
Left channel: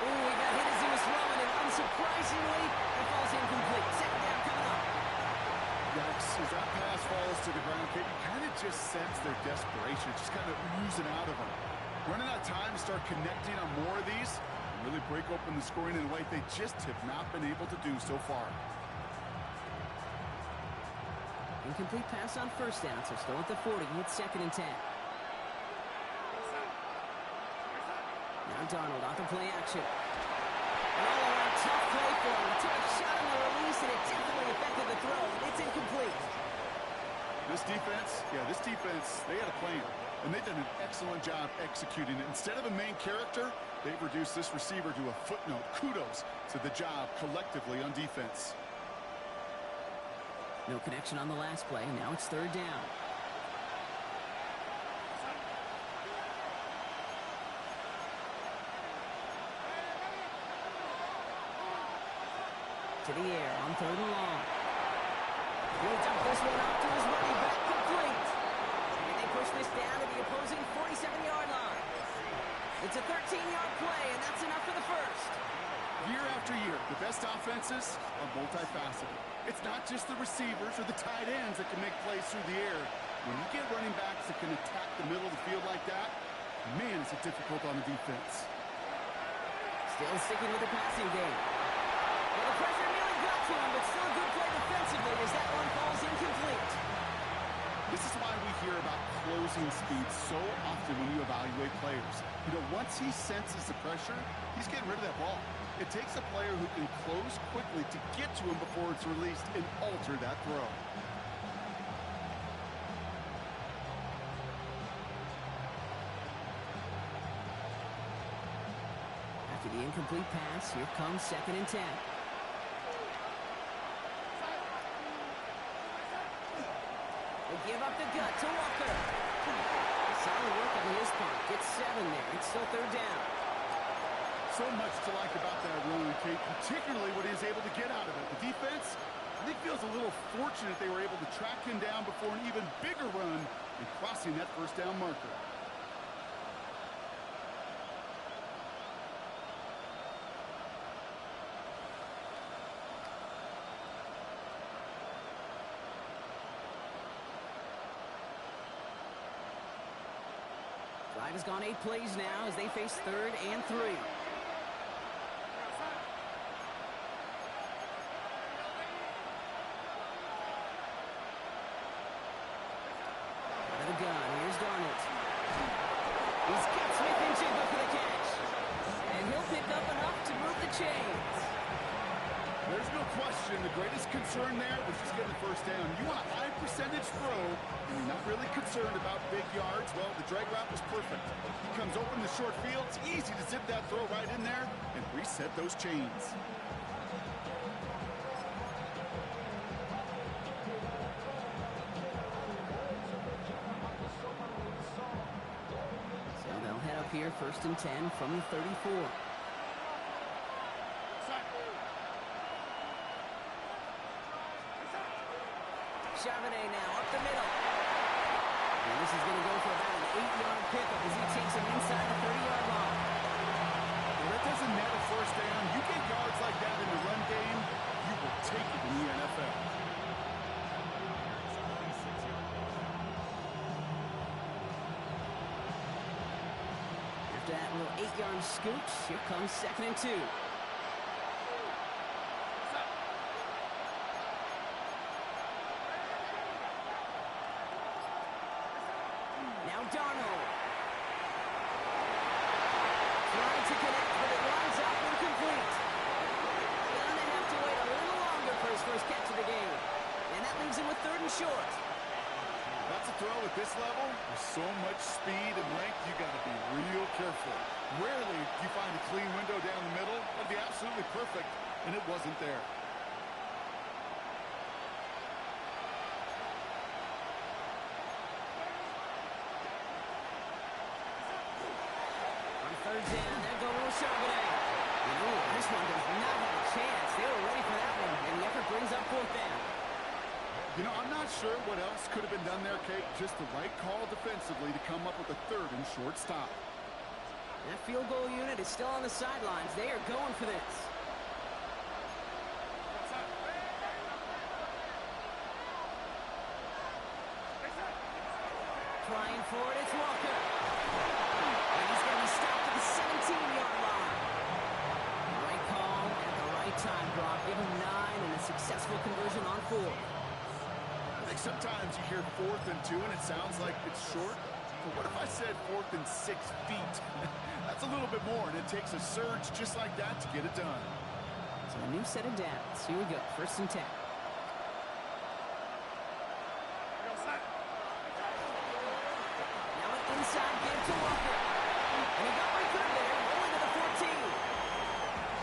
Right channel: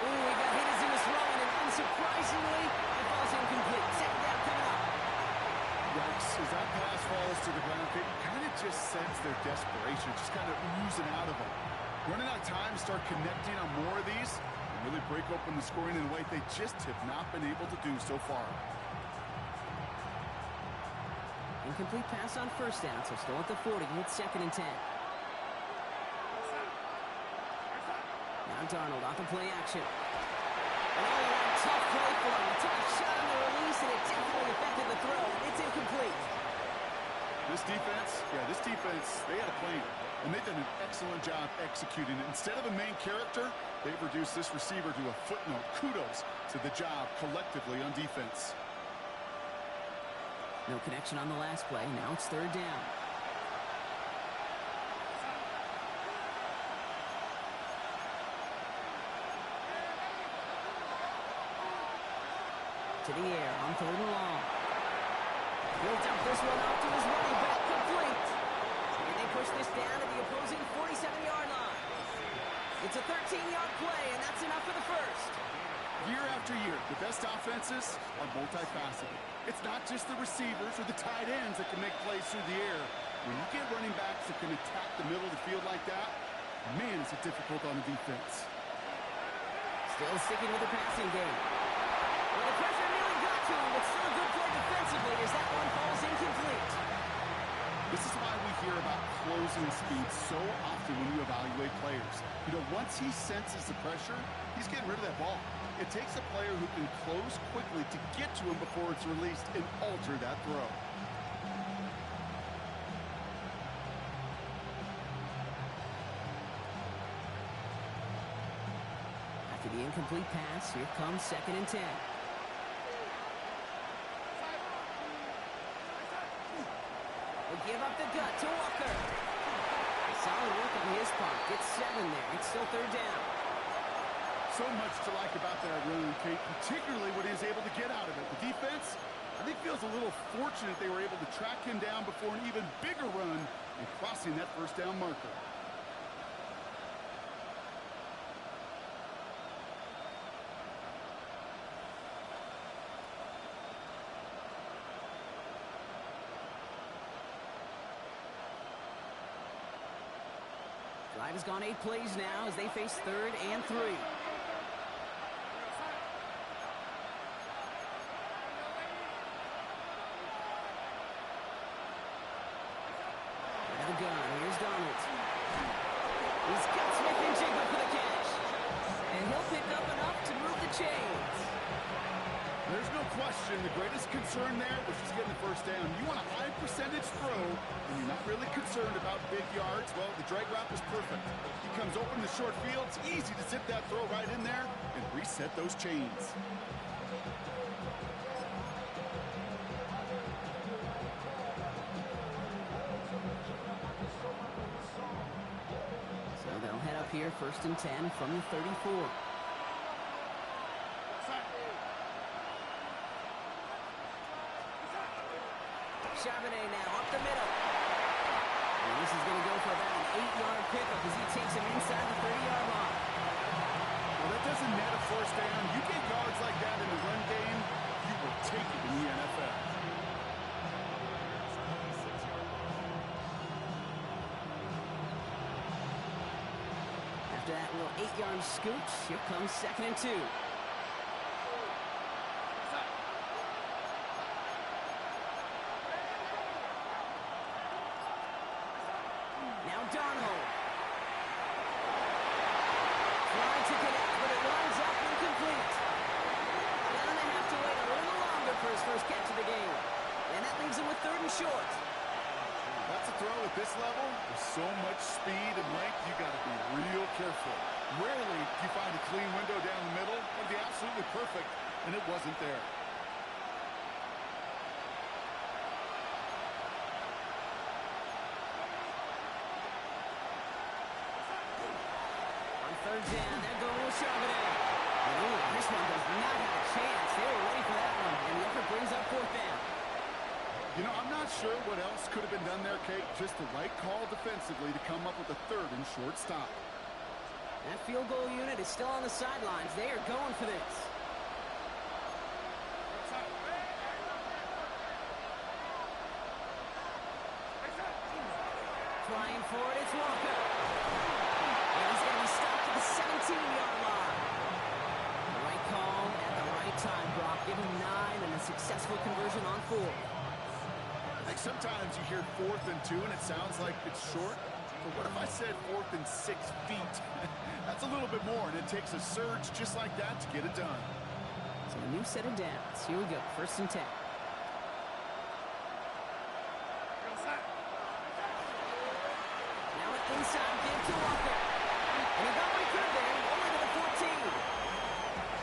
Ooh, he got hit as he was throwing, and unsurprisingly, it falls incomplete. 2nd down coming up. Yikes, as that pass falls to the ground, Kate, you kind of just sense their desperation, just kind of oozing out of them. Running out of time to start connecting on more of these and really break open the scoring in a way they just have not been able to do so far. Incomplete pass on 1st down, so still at the 40. It's 2nd and 10. Now Darnold off the play action. An all-around tough play for him. He took a shot on the release, and it definitely affected the throw. It's incomplete. This defense, this defense, they had a plan. And they've done an excellent job executing it. Instead of a main character, they've reduced this receiver to a footnote. Kudos to the job collectively on defense. No connection on the last play. Now it's third down. To the air on third and long. He'll dump this one off to his running back, complete. And they push this down to the opposing 47-yard line. It's a 13-yard play, and that's enough for the first. Year after year, the best offenses are multifaceted. It's not just the receivers or the tight ends that can make plays through the air. When you get running backs that can attack the middle of the field like that, man, is it difficult on the defense. Still sticking with the passing game. Well, the pressure nearly got to him, but still a good play defensively as that one falls incomplete. This is why we hear about closing speed so often when you evaluate players. Once he senses the pressure, he's getting rid of that ball. It takes a player who can close quickly to get to him before it's released and alter that throw. After the incomplete pass, here comes 2nd and 10. They give up the gut to Walker. Solid work on his part. Gets 7 there. It's still third down. So much to like about that run, Kate, particularly what he was able to get out of it. The defense, I think, feels a little fortunate they were able to track him down before an even bigger run and crossing that first down marker. Drive has gone 8 plays now as they face 3rd and 3. Out of the gun, here's Darnold. He's got Smith and Jigba for the catch. And he'll pick up enough to move the chains. There's no question the greatest concern there was just getting the first down. You want a high percentage throw, and you're not really concerned about big yards. Well, the drag route was perfect. He comes open in the short field. It's easy to zip that throw right in there and reset those chains. So they'll head up here, 1st and 10 from the 34. Charbonnet now up the middle. And this is going to go for about an 8-yard pickup as he takes him inside the 30-yard line. Well, that doesn't net a first down. You get yards like that in the run game, you will take it in the NFL. After that little 8-yard scooch, here comes 2nd and 2. Now Darnold. Trying to connect, but it winds up incomplete. Gonna have to wait a little longer for his first catch of the game. And that leaves him with 3rd and short. That's a throw at this level. With so much speed and length, you got to be real careful. Rarely do you find a clean window down the middle. That'd be absolutely perfect, and it wasn't there. On 3rd down, they're going with Charbonnet. This one does not have a chance. They were ready for that one, and the effort brings up 4th down. I'm not sure what else could have been done there, Kate. Just the right call defensively to come up with a 3rd and short stop. That field goal unit is still on the sidelines. They are going for this. Trying for it, it's Walker. And he's going to be stopped at the 17-yard line. The right call at the right time, Brock. Give him 9 and a successful conversion on 4. I think sometimes you hear 4th and 2 and it sounds like it's short. But what if I said 4th and 6 feet? That's a little bit more, and it takes a surge just like that to get it done. So a new set of downs. Here we go, 1st and 10. inside give to Walker. And he got what he could there, only to the 14.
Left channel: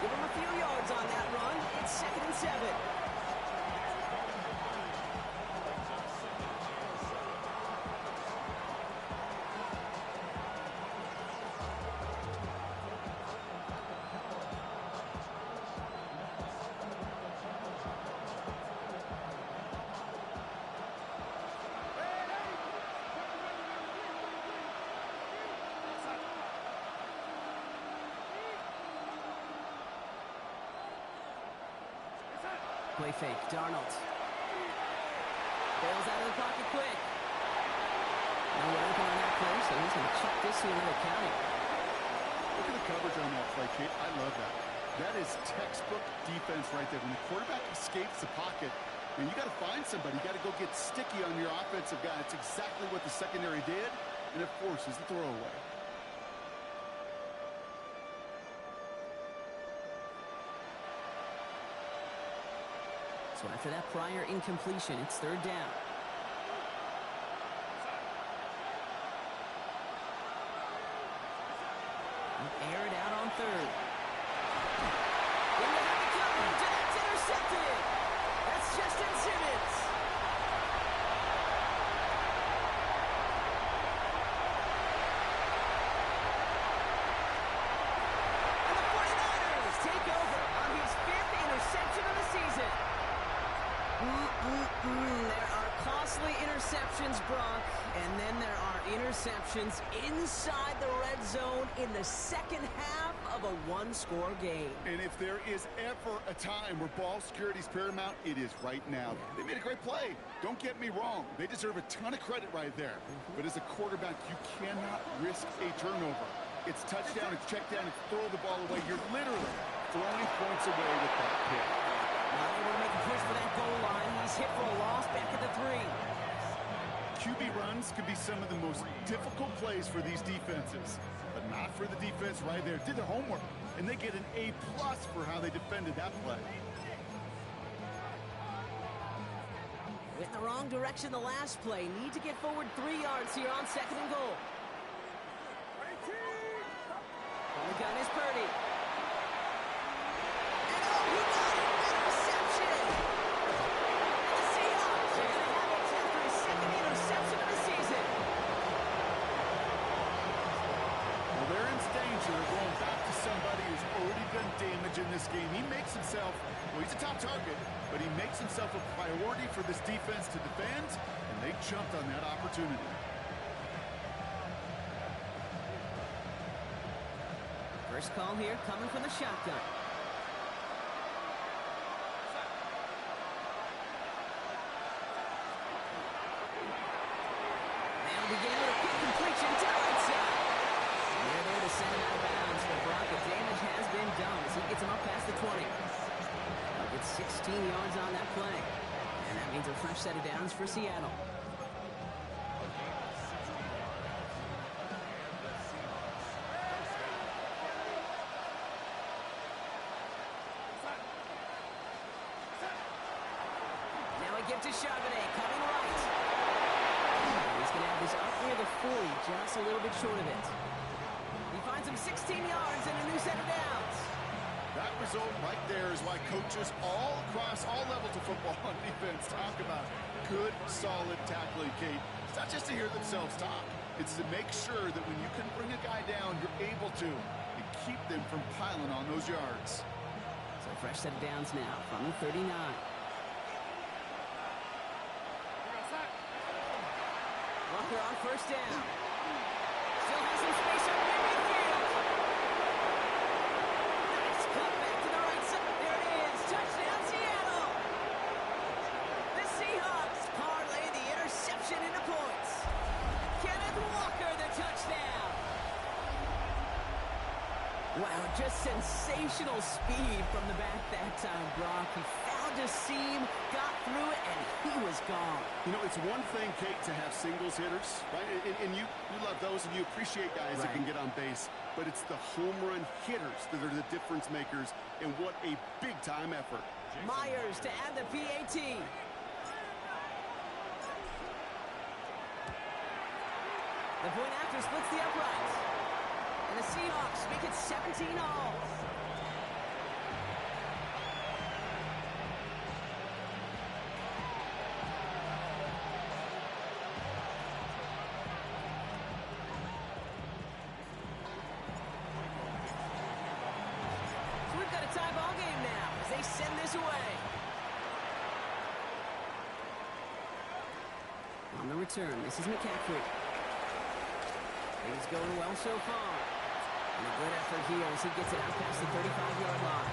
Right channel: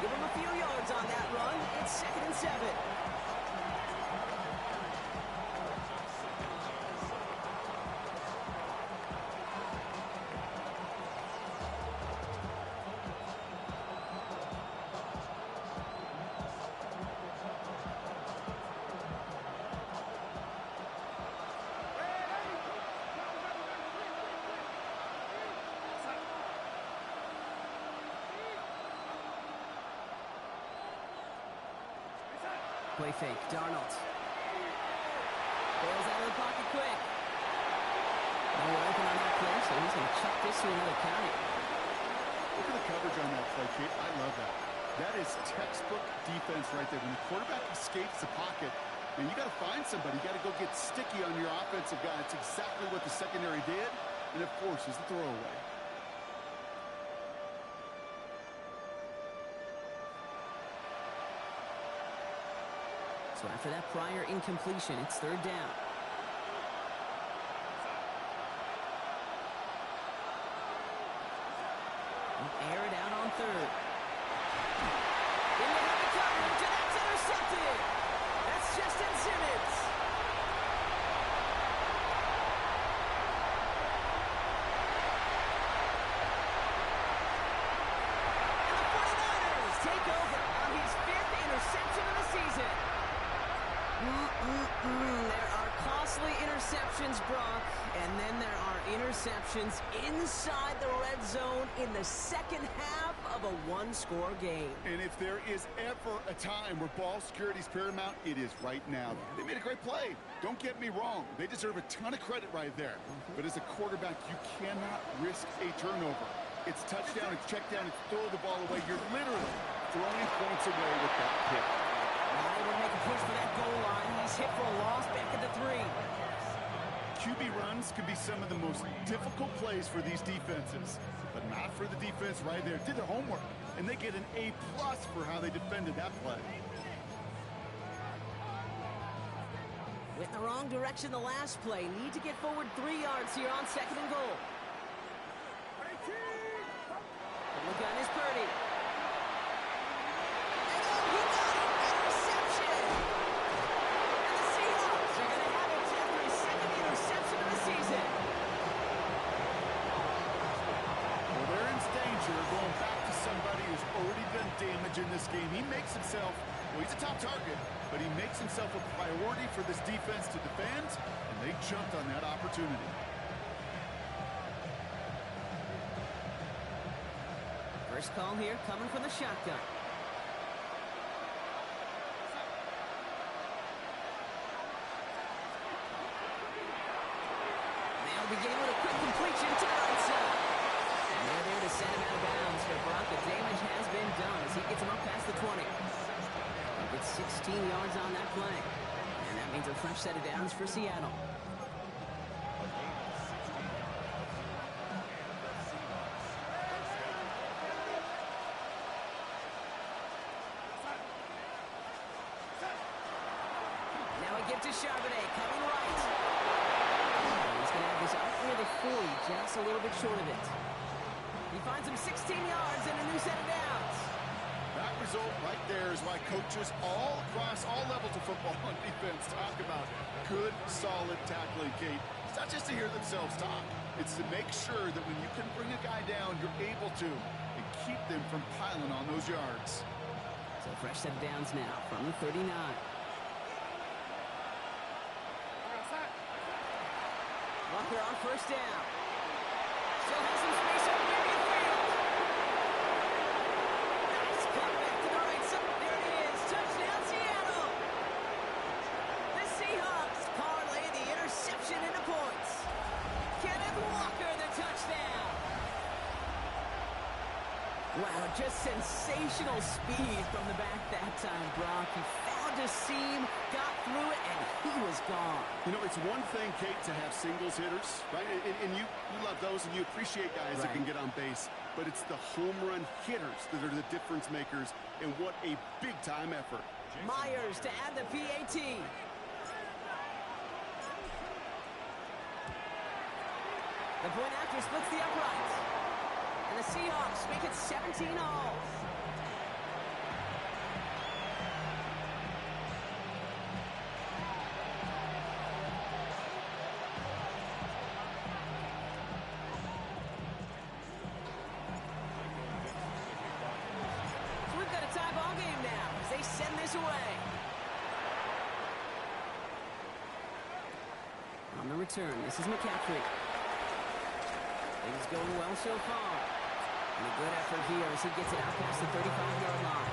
Give him a few yards on that run. It's 2nd and 7. Play fake, Darnold. Bails out of the pocket quick. No one open on that play, so he's going to chuck this to another county. Look at the coverage on that play, Kate. I love that. That is textbook defense right there. When the quarterback escapes the pocket, and you got to find somebody. You got to go get sticky on your offensive guy. That's exactly what the secondary did, and it forces the throwaway. So after that prior incompletion, it's 3rd down. Air it out on 3rd. Into heavy coverage, and that's intercepted. That's Justin Simmons. And the 49ers take over on his 5th interception of the season. There are costly interceptions, Brock, and then there are interceptions inside the red zone in the second half of a one-score game. And if there is ever a time where ball security is paramount, it is right now. They made a great play. Don't get me wrong. They deserve a ton of credit right there. But as a quarterback, you cannot risk a turnover. It's touchdown, it's check down, it's throw the ball away. You're literally throwing points away with that pick. Not able to make a push for that goal line. He's hit for a loss back at the 3. QB runs can be some of the most difficult plays for these defenses, but not for the defense right there. Did their homework, and they get an A+ for how they defended that play. Went in the wrong direction the last play. Need to get forward 3 yards here on 2nd and goal. On the gun is Purdy. And oh, he got it! Interception! And the Seahawks are going to have it after his 2nd interception of the season. Well, they're in danger of going back to somebody who's already done damage in this game. He makes himself, well, he's a top target, but he makes himself a priority for this defense to defend, and they jumped on that opportunity. First call here coming from the shotgun. They'll begin with a quick completion to the right side. And they're there to send him out of bounds. For Brock, the damage has been done as he gets him up past the 20. He'll get 16 yards on that play. And that means a fresh set of downs for Seattle. Give to Charbonnet, coming right. He's going to have this up near the 40, just a little bit short of it. He finds him 16 yards and a new set of downs. That result right there is why coaches all across all levels of football on defense talk about good, solid tackling, Kate. It's not just to hear themselves talk. It's to make sure that when you can bring a guy down, you're able to, and keep them from piling on those yards. So fresh set of downs now from the 39. Walker on first down. Still has some space up near midfield. Nice cut back to the right side. There it is. Touchdown, Seattle. The Seahawks parlay the interception into points. Kenneth Walker, the touchdown. Wow, just sensational speed from the back that time, Brock. He found a seam, got through it, and he was gone. You know, it's one thing, Kate, to have singles hitters, right? And you love those, and you appreciate guys that can get on base. But it's the home run hitters that are the difference makers, and what a big-time effort. Myers to add the PAT. The point after splits the uprights. And the Seahawks make it 17 all. So we've got a tie ball game now as they send this away. On the return, this is McCaffrey. Things going well so far. And a good effort here as he gets it out past the 35-yard line.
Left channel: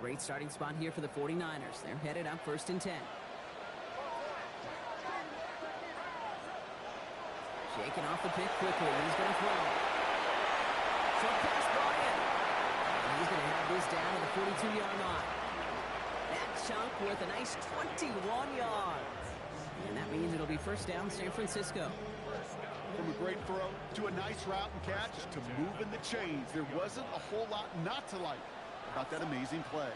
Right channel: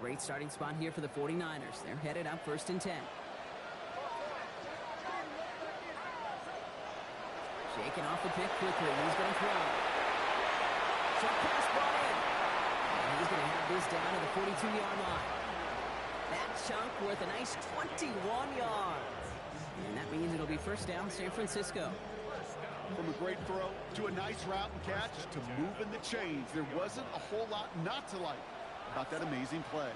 Great starting spot here for the 49ers. They're headed up 1st and 10. Shaking off the pick quickly. He's going to throw. Short pass brought in. And he's going to have this down to the 42-yard line. That chunk worth a nice 21 yards. And that means it'll be first down San Francisco. From a great throw to a nice route and catch to moving the chains, there wasn't a whole lot not to like about that amazing play.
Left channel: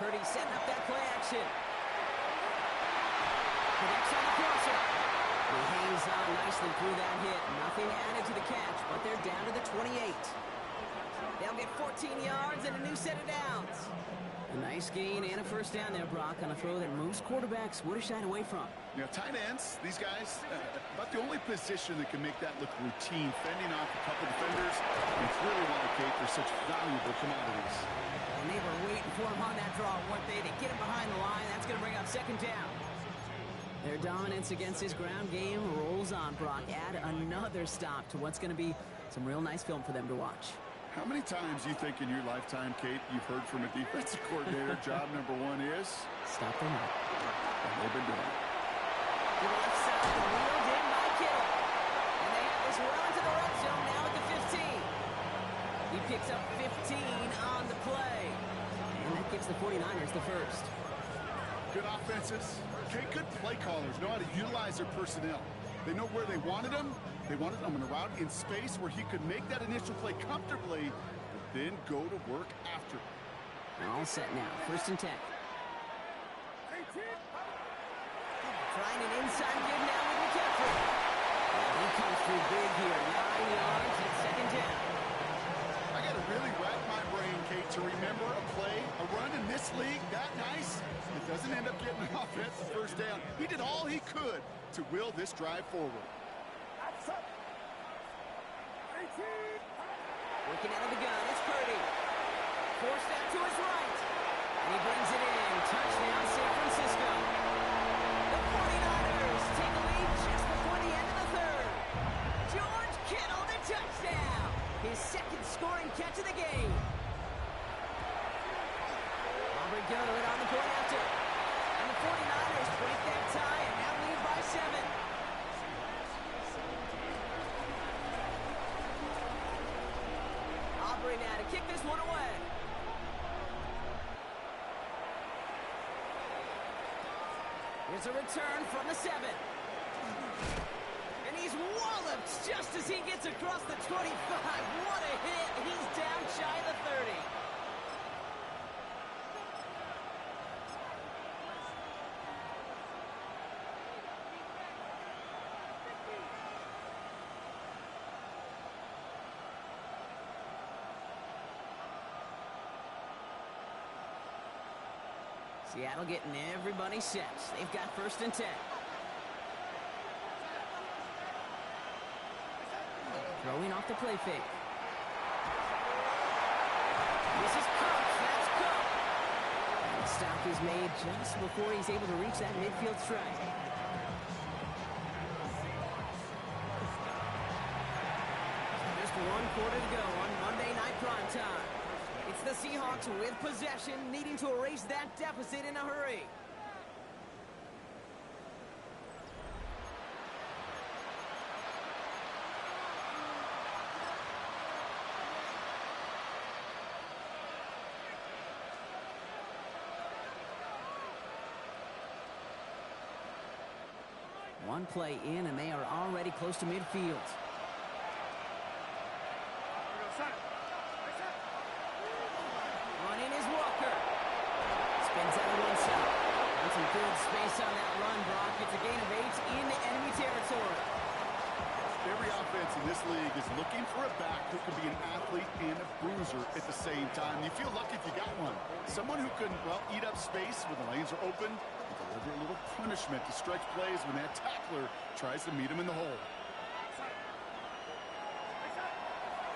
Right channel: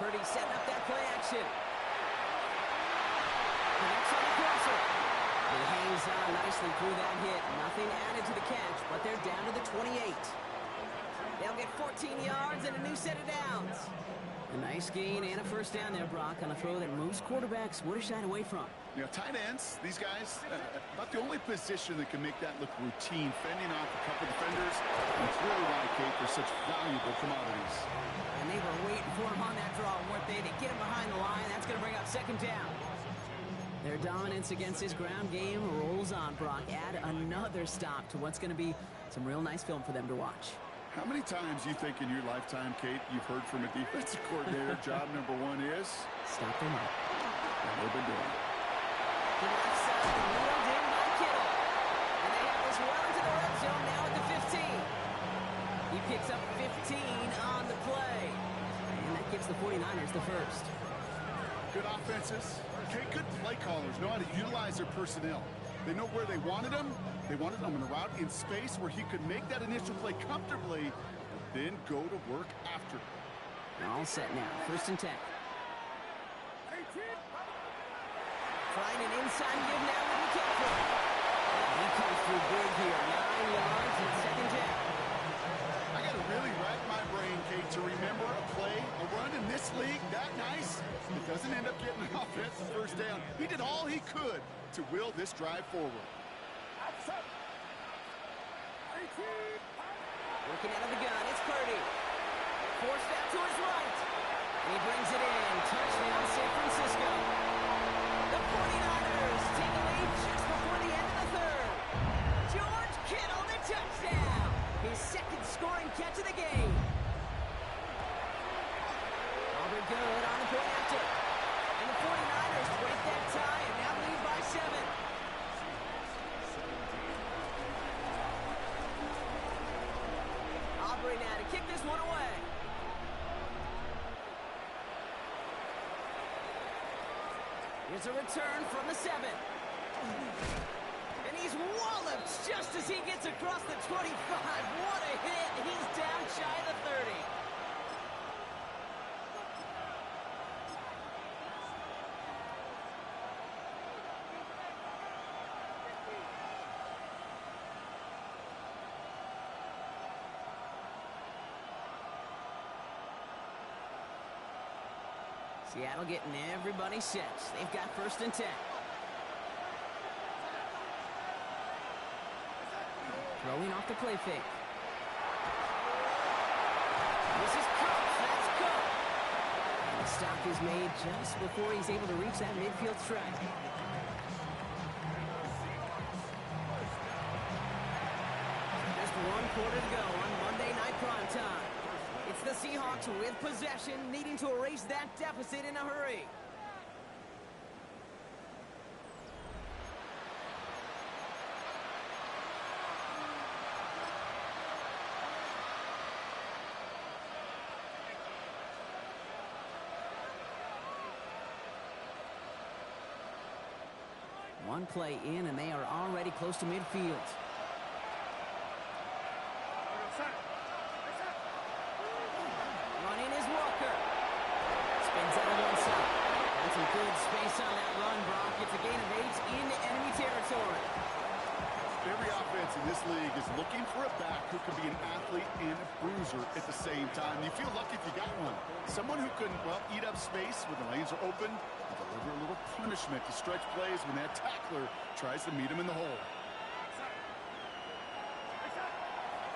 Purdy setting up that play action. Connects on the crosser. He hangs on nicely through that hit. Nothing added to the catch, but they're down to the 28. They'll get 14 yards and a new set of downs. A nice gain and a first down there, Brock, on a throw that most quarterbacks would have shied away from. You know, tight ends, these guys, about the only position that can make that look routine, fending off a couple defenders. And it's really why, Kate, they're such valuable commodities. And they were waiting for him on that draw, weren't they? To get him behind the line. That's going to bring up second down. Their dominance against his ground game rolls on, Brock. Add another stop to what's going to be some real nice film for them to watch. How many times you think in your lifetime, Kate, you've heard from a defensive coordinator, job number one is? Stop them up. And they've been doing it. To the left side, wheeled in by Kittle. And they have this well into the red zone now at the 15. He picks up 15 on the play. And that gives the 49ers the first. Good offenses. Okay, good play callers know how to utilize their personnel. They know where they wanted him. They wanted him in a route in space where he could make that initial play comfortably, but then go to work after. All set now. 1st and 10. Trying an inside give now with McCaffrey. And he comes through big here. 9 yards and second down. I got to really rack my brain, Kate, to remember a play, a run in this league that nice. It doesn't end up getting an offensive first down. He did all he could to will this drive forward. Working out of the gun, it's Purdy. Forced out to his right. And he brings it in. Touchdown, San Francisco. The 49ers take the lead just before the end of the third. George Kittle, the touchdown. His second scoring catch of the game. Aubrey good on the point after. And the 49ers break that tie and now lead by 7. Aubrey now to kick this one away. Here's a return from the 7. And he's walloped just as he gets across the 25. What a hit. He's down shy of the 30. Seattle getting everybody set. They've got 1st and 10. Throwing off the play fake. This is Cook. That's Cook. And the stop is made just before he's able to reach that midfield strike. Just 1 quarter to go on Monday Night Primetime. It's the Seahawks with possession, needing to erase that deficit in a hurry. One play in, and they are already close to midfield. Running is Walker. Spins out of one side. Got some good space on that run, Brock. It's a gain of 8 into enemy territory. Every offense in this league is looking for a back who can be an athlete and a bruiser at the same time. You feel lucky if you got one. Someone who can, well, eat up space when the lanes are open and deliver a little punishment to stretch plays when that tackler tries to meet him in the hole.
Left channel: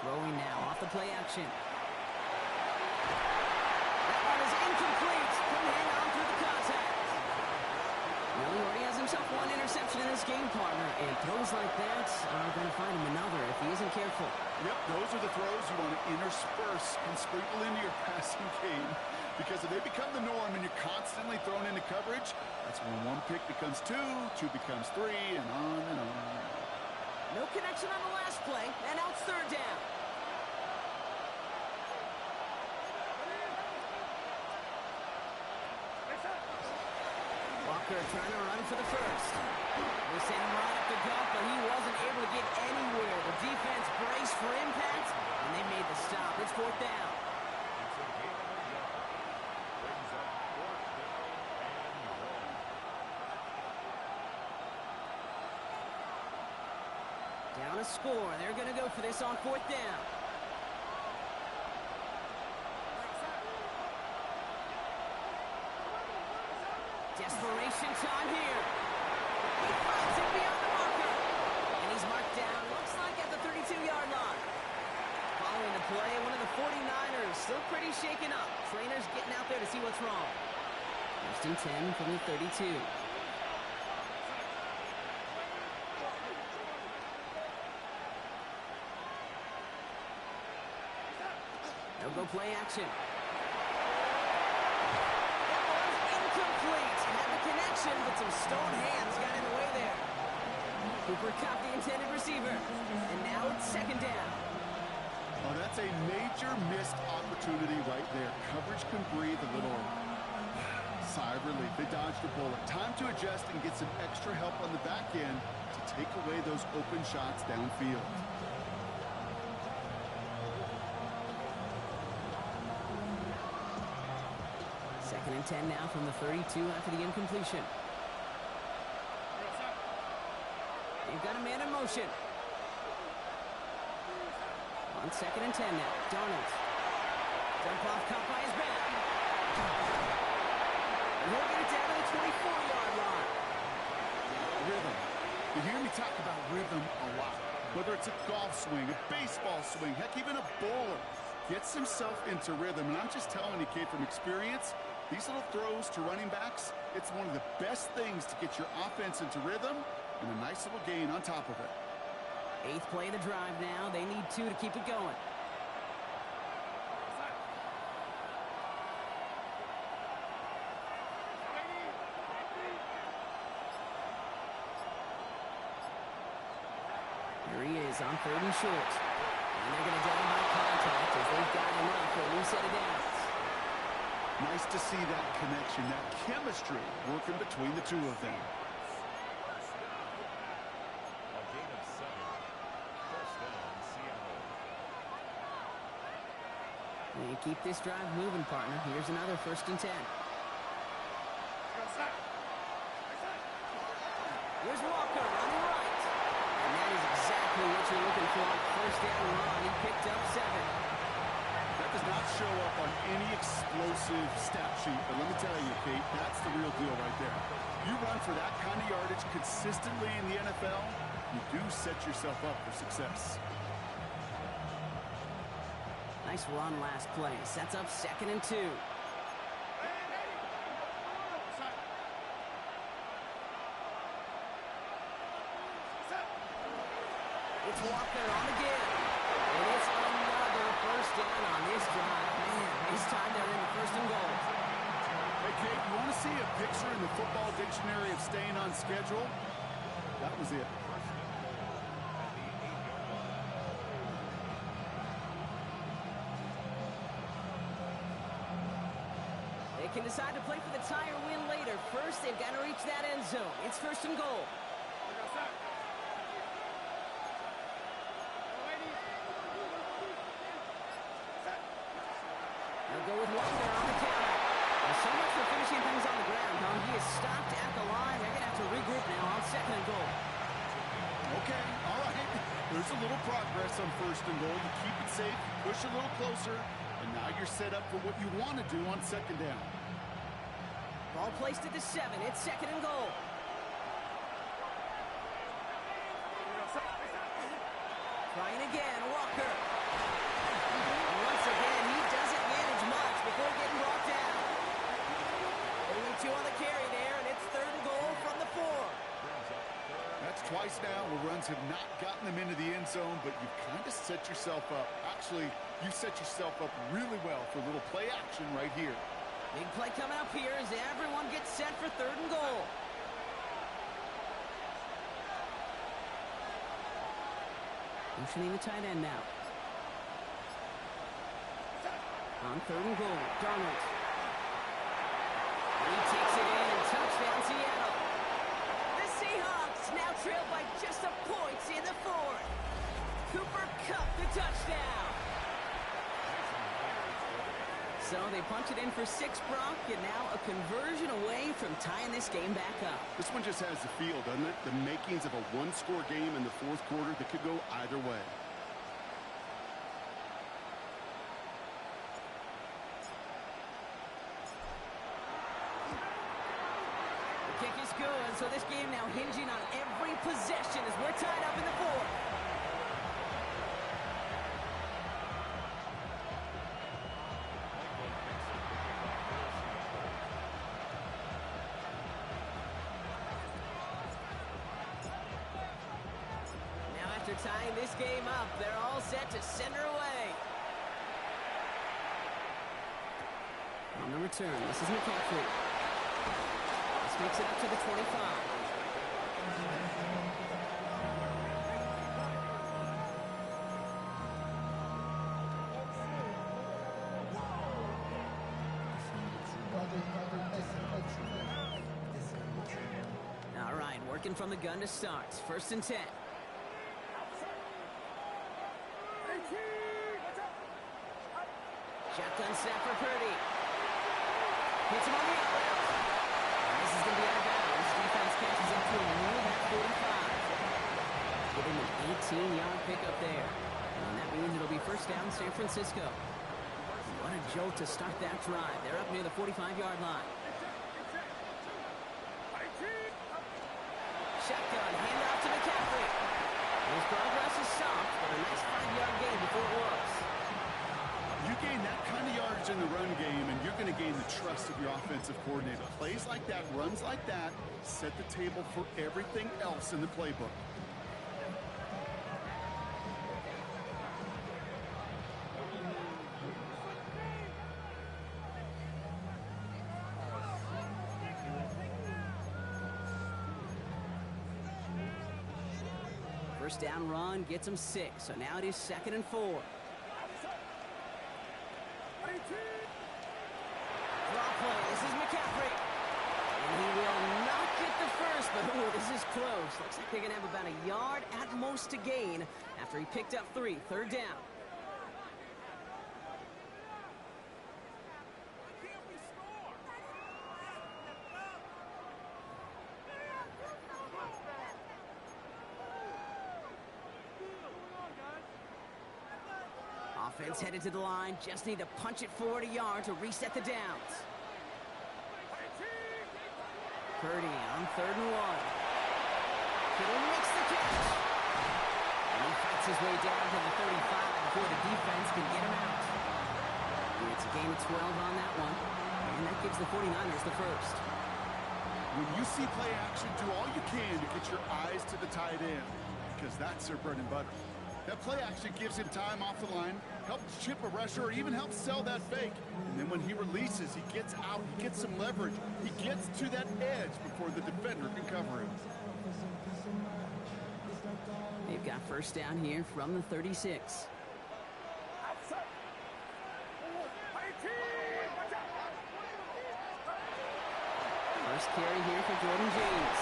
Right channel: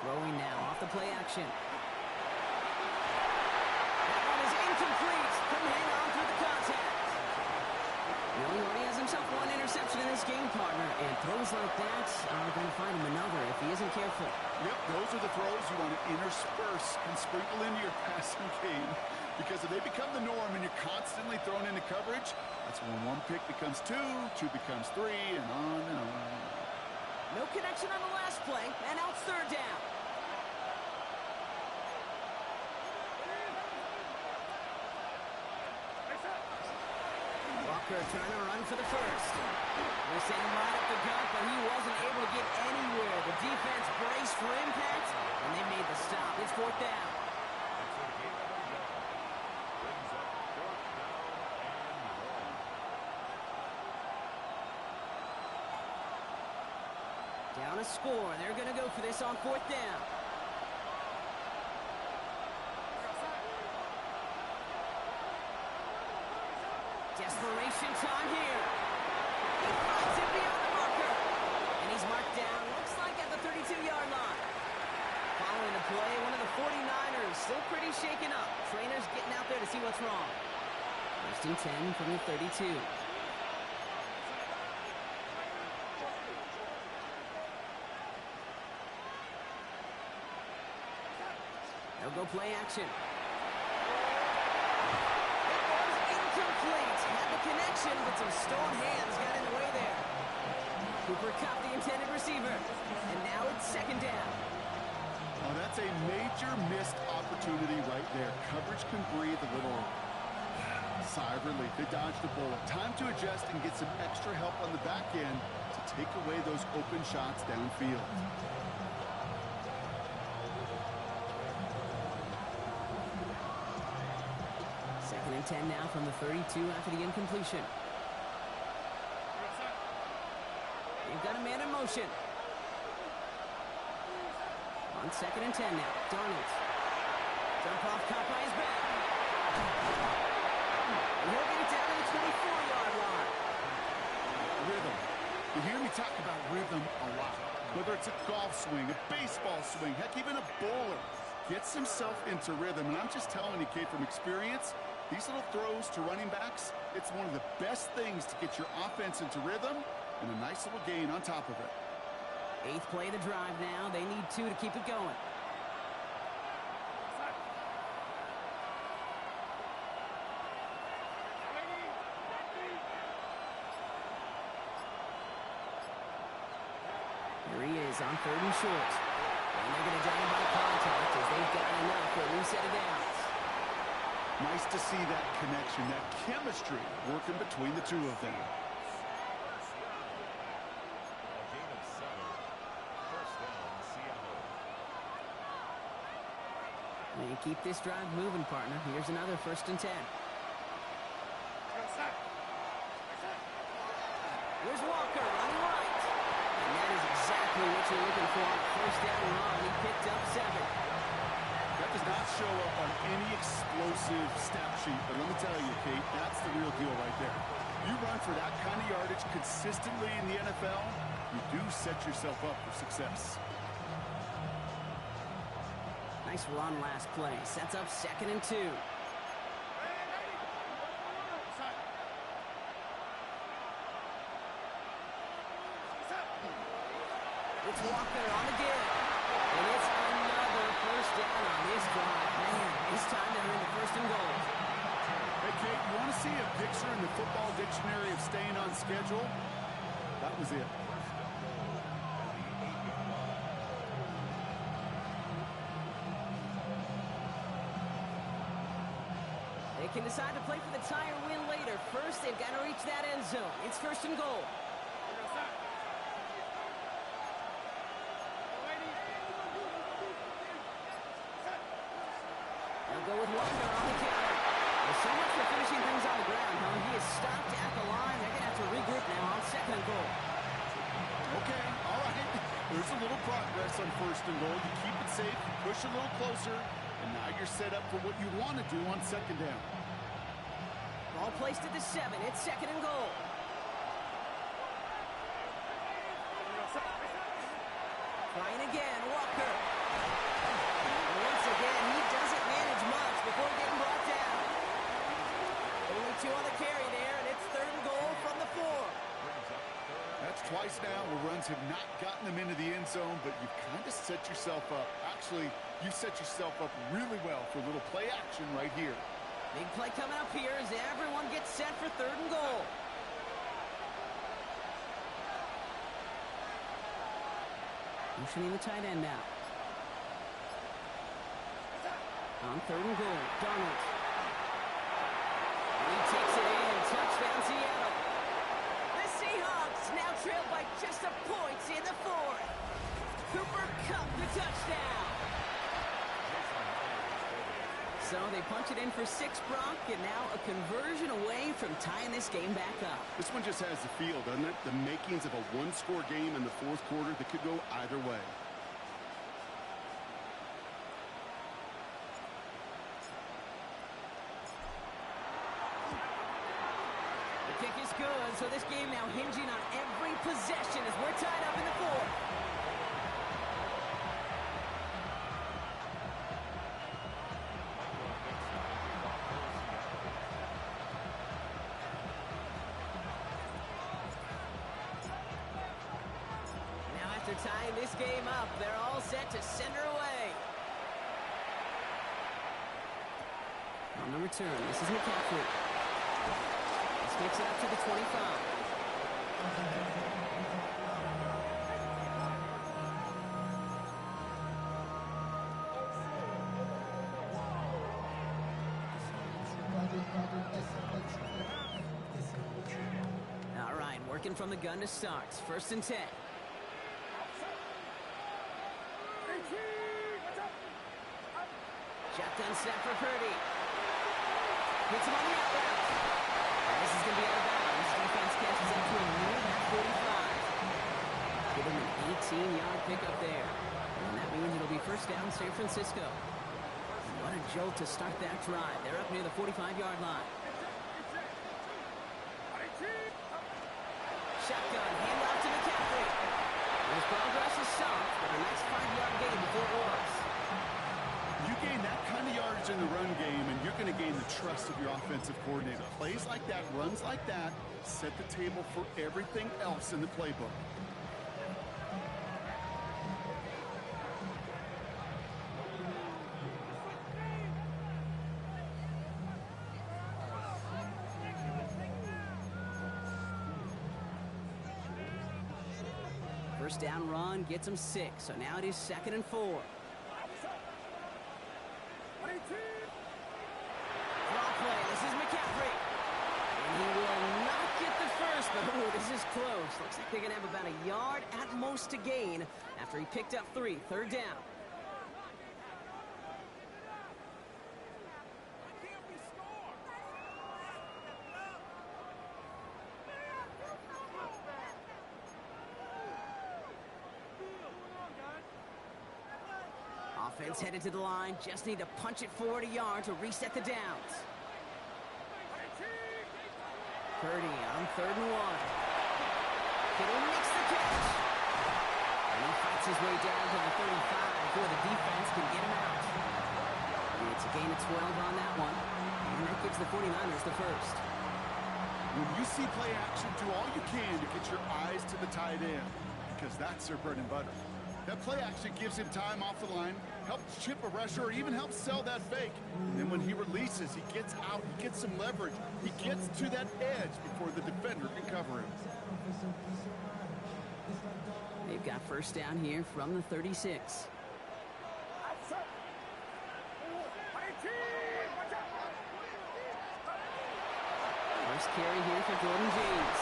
Throwing now off the play action. That one is incomplete. Couldn't hang on through the contact. Well, he already has himself one interception in this game, partner, and throws like that are going to find him another if he isn't careful. Yep, those are the throws you want to intersperse and sprinkle into your passing game, because if they become the norm and you're constantly thrown into coverage, that's when one pick becomes two becomes three, and on and on. No connection on the last play, and now it's third down. Walker trying to run for the first. They sent him right up the gut, but he wasn't able to get anywhere. The defense braced for impact, and they made the stop. It's fourth down. It's a gain of a yard. Brings up fourth down and 1. Down a score. They're going to go for this on fourth down. Desperation time here. He finds it beyond the marker. And he's marked down, looks like at the 32-yard line. Following the play, one of the 49ers still pretty shaken up. Trainers getting out there to see what's wrong. First and 10 from the 32. They'll go play action. Incomplete. Had the connection, but some stone hands got in the way there. Cooper Kupp, the intended receiver. And now it's second down. Oh, that's a major missed opportunity right there. Coverage can breathe a little sigh of relief. They dodged a bullet. Time to adjust and get some extra help on the back end to take away those open shots downfield. Second and 10 now from the 32 after the incompletion. They've got a man in motion. On second and 10 now. Darnold. Dump off, caught by his back. And he'll get it down to the 24-yard line. Rhythm. You hear me talk about rhythm a lot. Whether it's a golf swing, a baseball swing, heck, even a bowler gets himself into rhythm. And I'm just telling you, kid, from experience, these little throws to running backs, it's one of the best things to get your offense into rhythm and a nice little gain on top of it. Eighth play of the drive now. They need 2 to keep it going. Here he is on third and short. And they're going to down by contact as they've got enough for a new set of downs. Nice to see that connection, that chemistry working between the two of them. A gain of 7. First down, Seattle. They keep this drive moving, partner. Here's another first and 10. Here's Walker running right. And that is exactly what you're looking for on first down run. He picked up 7. That does not show up on any explosive stat sheet, but let me tell you, Kate, that's the real deal right there. You run for that kind of yardage consistently in the NFL, you do set yourself up for success. Nice run last play. Sets up second and 2. It's Walker on again. And it's another first down on this drive. Man, this time they're in the first and goal. Hey, Kate, you want to see a picture in the football dictionary of staying on schedule? That was it. They can decide to play for the tire win later. First, they've got to reach that end zone. It's first and goal. Walker on the counter. Well, so much for finishing things on the ground, huh? He is stopped at the line. They're going to have to regroup now on 2nd and goal. Okay, all right. There's a little progress on 1st and goal. You keep it safe, you push a little closer, and now you're set up for what you want to do on 2nd down. Ball placed at the 7. It's 2nd and goal. Trying again, Walker. And once again, he doesn't manage much before getting brought down. Only 2 on the carry there, and it's 3rd and goal from the 4. That's twice now where runs have not gotten them into the end zone, but you've kind of set yourself up. Actually, you set yourself up really well for a little play action right here. Big play coming up here as everyone gets set for 3rd and goal. Motioning the tight end now. On 3rd and goal, Darnold. And he takes it in. Touchdown, Seattle. The Seahawks now trail by just a point in the 4th. Cooper Kupp the touchdown. So they punch it in for 6, Brock, and now a conversion away from tying this game back up. This one just has the feel, doesn't it? The makings of a one-score game in the 4th quarter that could go either way. The kick is good, so this game now hinging on every possession as we're tied up in the 4th. After tying this game up, they're all set to send her away. On the return, this is McCaffrey. This makes it up to the 25. All right, working from the gun to start. 1st and 10. Shotgun snap for Purdy. Hits him on the out route. And this is going to be out of bounds. Defense catches up to him near that 45. Give him an 18-yard pickup there. And that means it'll be 1st down San Francisco. What a jolt to start that drive. They're up near the 45-yard line. Shotgun, handoff to McCaffrey. His progress is stopped, but a nice 5-yard gain before it was. You gain that kind of yardage in the run game, and you're going to gain the trust of your offensive coordinator. Plays like that, runs like that, set the table for everything else in the playbook. First down run gets him 6, so now it is 2nd and 4. Draw play, this is McCaffrey. And he will not get the first, but ooh, this is close. Looks like they're going to have about a yard at most to gain after he picked up 3. 3rd down. Offense headed to the line. Just need to punch it forward a yard to reset the downs. Purdy on 3rd and 1. Kittle makes the catch. And he fights his way down to the 35 before the defense can get him out. It's a gain of 12 on that one. And that gives the 49ers the first. When you see play action, do all you can to get your eyes to the tight end, because that's their bread and butter. That play action gives him time off the line, helps chip a rusher, or even helps sell that fake. And then when he releases, he gets out, he gets some leverage. He gets to that edge before the defender can cover him. They've got 1st down here from the 36. First carry here for Jordan James.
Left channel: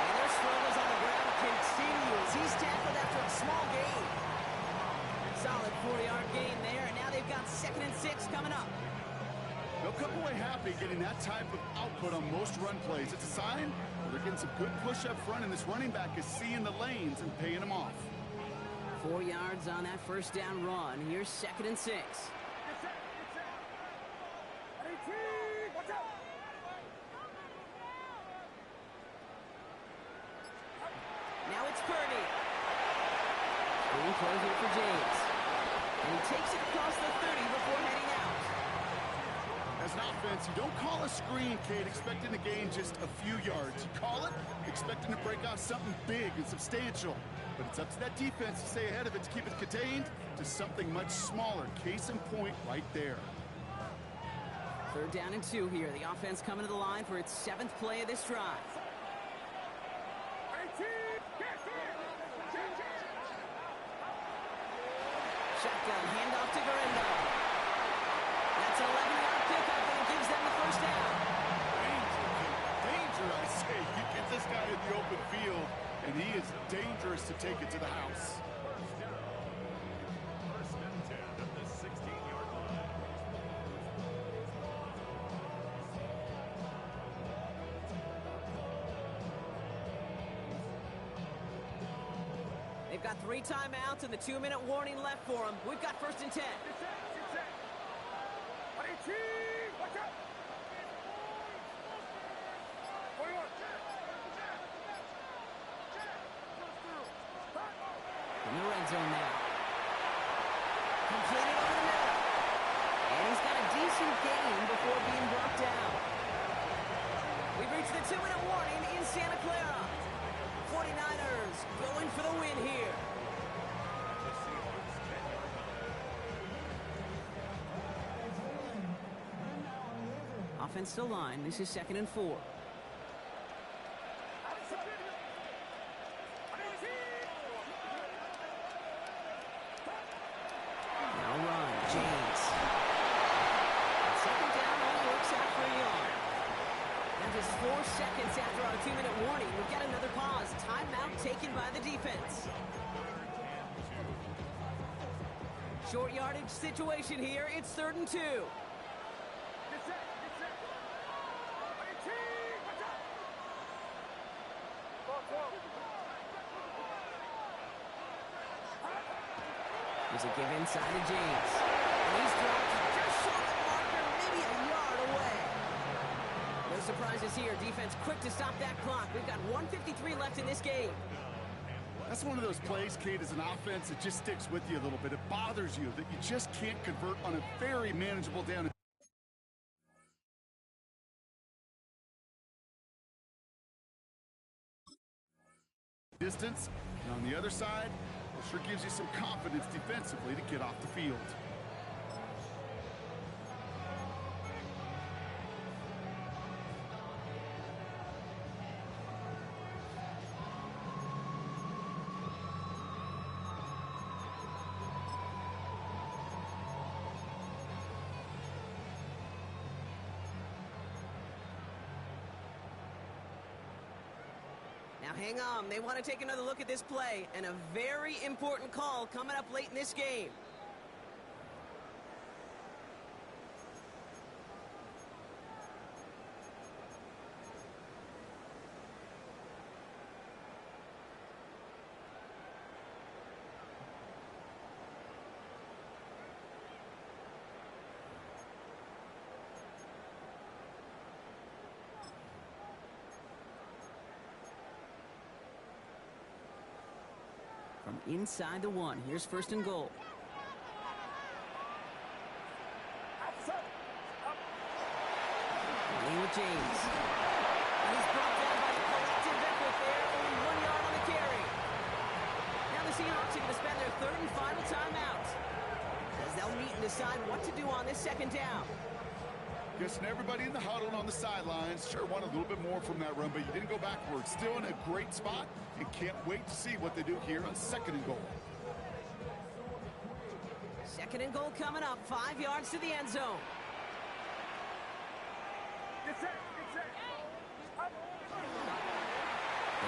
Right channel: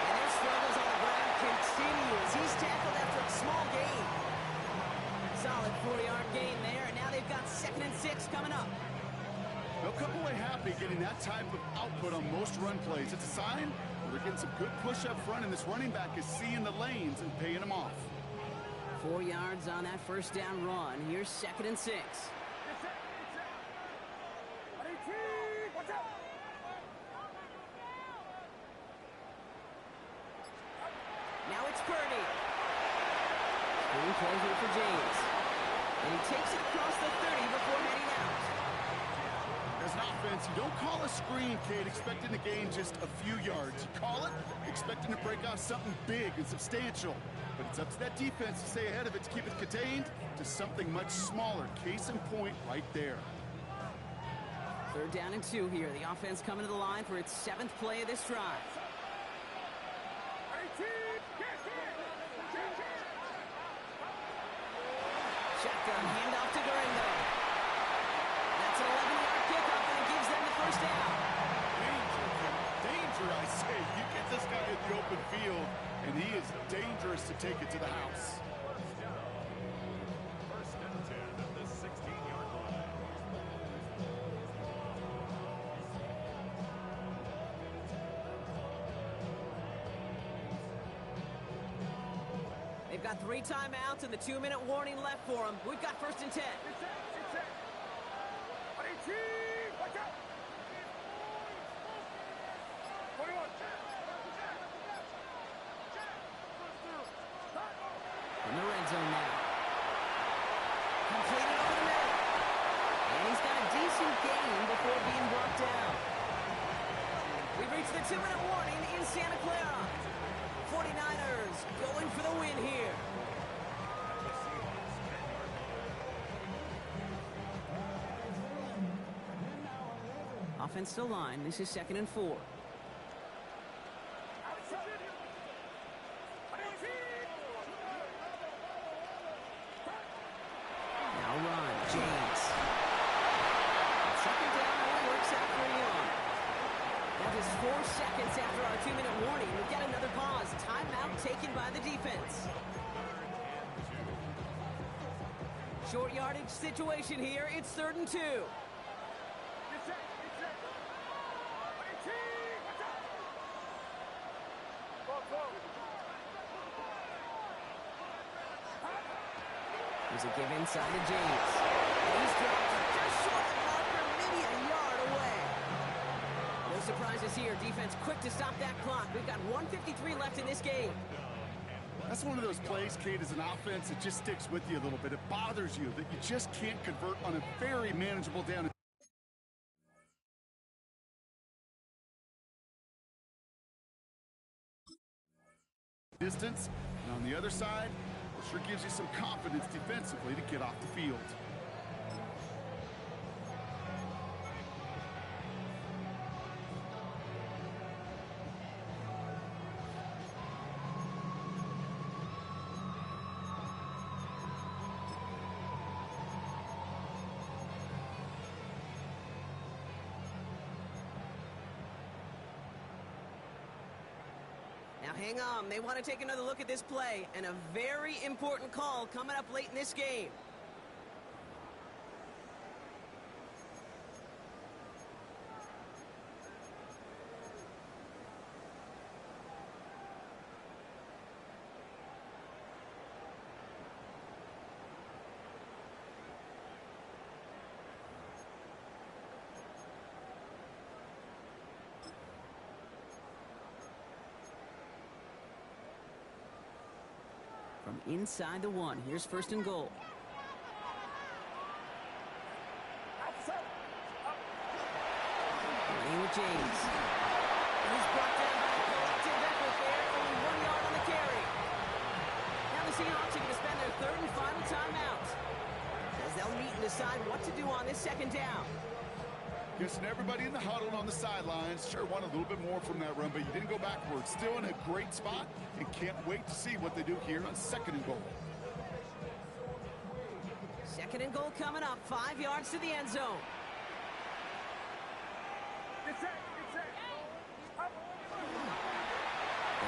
And their struggles on the ground continue as he's tackled after a small gain. Solid 4-yard gain there, and now they've got 2nd and 6 coming up. come away happy getting that type of output on most run plays. It's a sign that they're getting some good push up front, and this running back is seeing the lanes and paying them off. 4 yards on that first down run. Here's 2nd and 6. Now it's Purdy. Screen play here for James. And he takes it across the 30 before heading out. As an offense, you don't call a screen, Kate, expecting to gain just a few yards. You call it expecting to break off something big and substantial. But it's up to that defense to stay ahead of it, to keep it contained to something much smaller. Case in point right there. 3rd down and 2 here. The offense coming to the line for its 7th play of this drive. Shotgun handoff to Guerrero. That's an 11-yard pickup, and it gives them the first down. Danger, I say. You get this guy in the open field, and he is dangerous to take it to the house. First and 10 at the 16-yard line. They've got 3 timeouts and the 2-minute warning left for them. We've got 1st and 10. In the red zone now. Completed over the middle. And he's got a decent gain before being brought down. We've reached the 2-minute warning in Santa Clara. 49ers going for the win here. The Seahawks 10-yard line. Offense to line. This is 2nd and 4. Now run. James. And 2nd down only works out for a yard. Now just 4 seconds after our 2-minute warning, we've got another pause. Timeout taken by the defense. Short yardage situation here. It's 3rd and 2. There's a give inside to James. And he's dropped just short of the marker, maybe a yard away. No surprises here. Defense quick to stop that clock. We've got 1:53 left in this game. That's one of those plays, Kate, as an offense that just sticks with you a little bit. It bothers you that you just can't convert on a very manageable down. Distance, and on the other side, it sure gives you some confidence defensively to get off the field. Now hang on, they want to take another look at this play, and a very important call coming up late in this game. From inside the 1, here's 1st and goal. Running with James. And he's brought down by a collective effort there. Only 1 yard on the carry. Now the Seahawks are going to spend their 3rd and final timeout, as they'll meet and decide what to do on this 2nd down. Guessing everybody in the huddle and on the sidelines sure want a little bit more from that run, but you didn't go backwards. Still in a great spot, and can't wait to see what they do here on 2nd and goal. 2nd and goal coming up, 5 yards to the end zone. They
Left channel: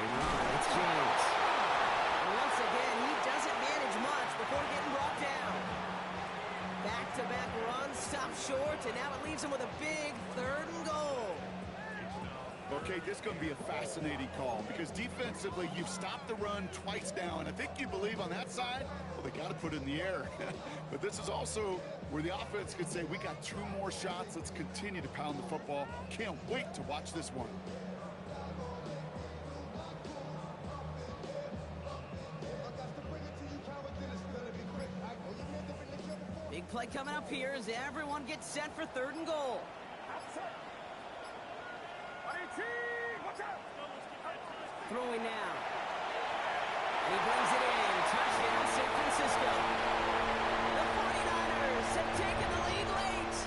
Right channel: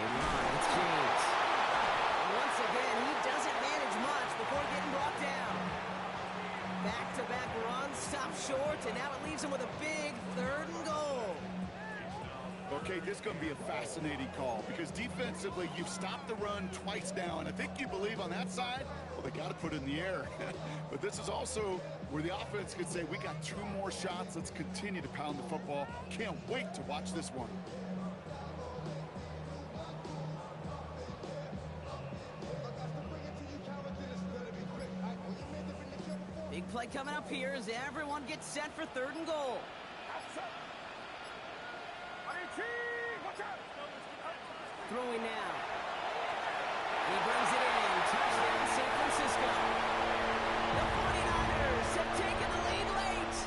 run, it's James. And once again, he doesn't manage much before getting brought down. Back-to-back runs stop short, and now it leaves him with a big 3rd and goal. Okay, this is going to be a fascinating call because defensively, you've stopped the run twice now, and I think you believe on that side, well, they got to put it in the air. But this is also where the offense could say, we got 2 more shots. Let's continue to pound the football. Can't wait to watch this one. Big play coming up here as everyone gets set for 3rd and goal. Throwing now. And he brings it in. Touchdown, San Francisco. The 49ers have taken the lead late.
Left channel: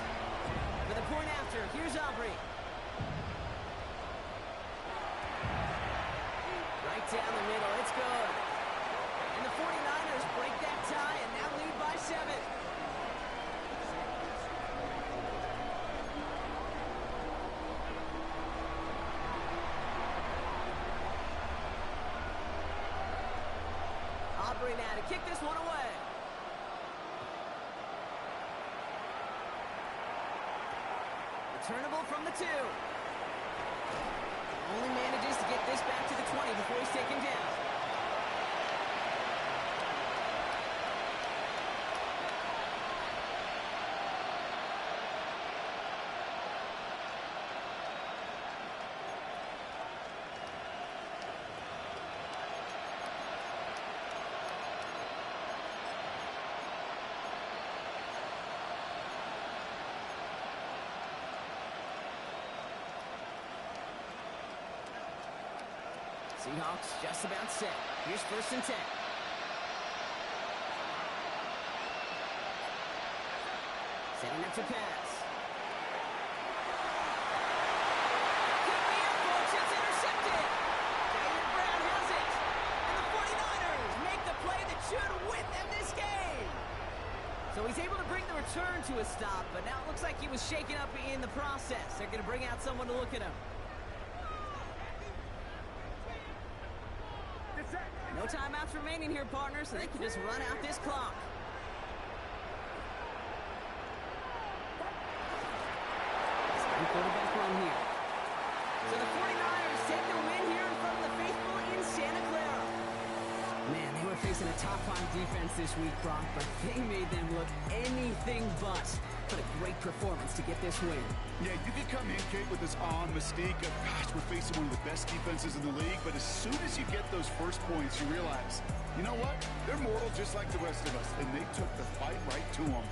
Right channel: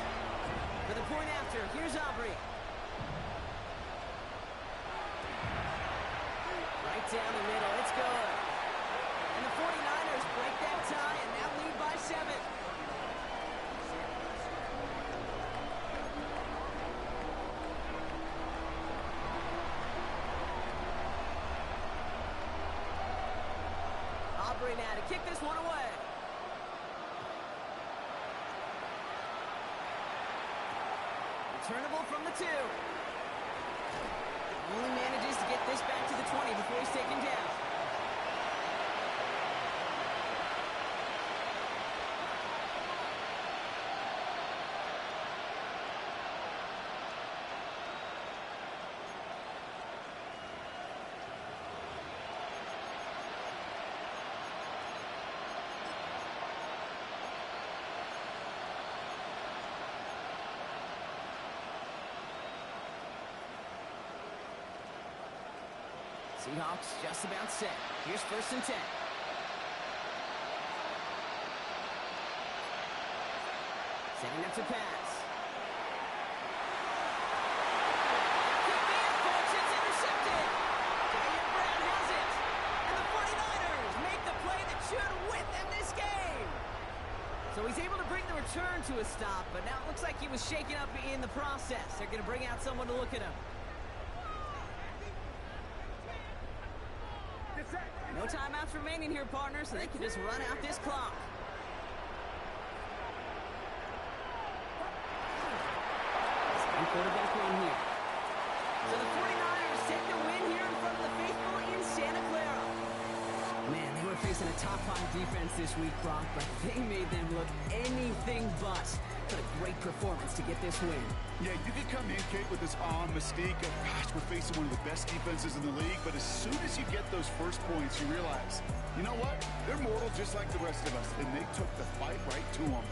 For the point after, here's Aubrey. Right down the middle, it's good. And the 49ers break that tie and now lead by 7. Aubrey now to kick this one away. Returnable from the 2. Only manages to get this back to the 20 before he's taken down. Seahawks just about set. Here's 1st and 10. Setting up to pass. Could be it, folks. It's intercepted. Jair Brown has it. And the 49ers make the play that should win them this game. So he's able to bring the return to a stop, but now it looks like he was shaken up in the process. They're going to bring out someone to look at him. No timeouts remaining here, partner, so they can just run out this clock. Same quarterback run here. So the 49ers take the win here in front of the faithful in Santa Clara. Man, they were facing a top-5 defense this week, Brock, but they made them look anything but. What a great performance to get this win. Yeah, you could come in, Kate, with this mystique of, gosh, we're facing one of the best defenses in the league, but as soon as you get those first points, you realize, you know what? They're mortal just like the rest of us, and they took the fight right to them.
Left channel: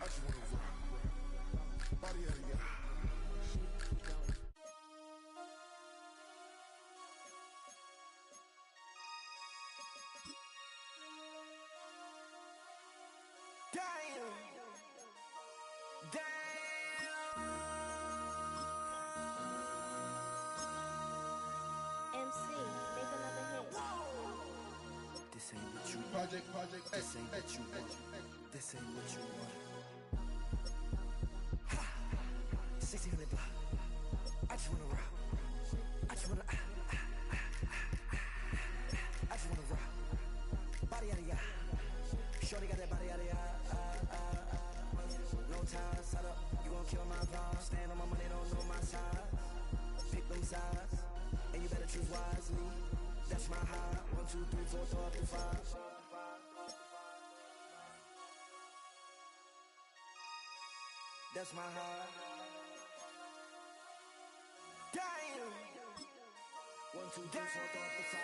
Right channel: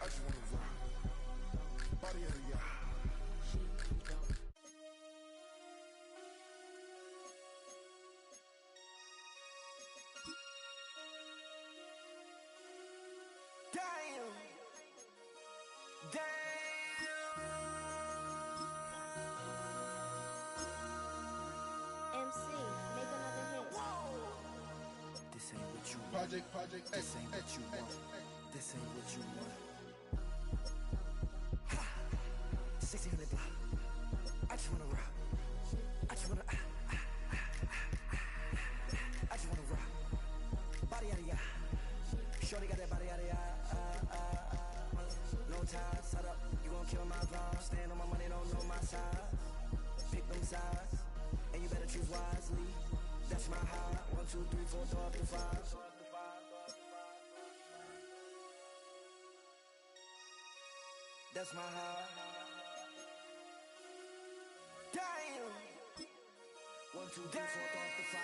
I just wanna rock. Body out of y'all. Damn. MC, make another hit. This ain't what you want. Project This ain't what you want. This ain't what you want. 1600 block. I just wanna rock. I just wanna I just wanna rock. Body out of ya. Shorty got that body out of ya. No ties, set up. You gon' kill my vibe. Stand on my money, don't know my size. Pick them sides, and you better choose wisely. Die That's my high. 1, 2, 3, 4, 5. That's my high. Damn. 1, 2, 3, 4, 5.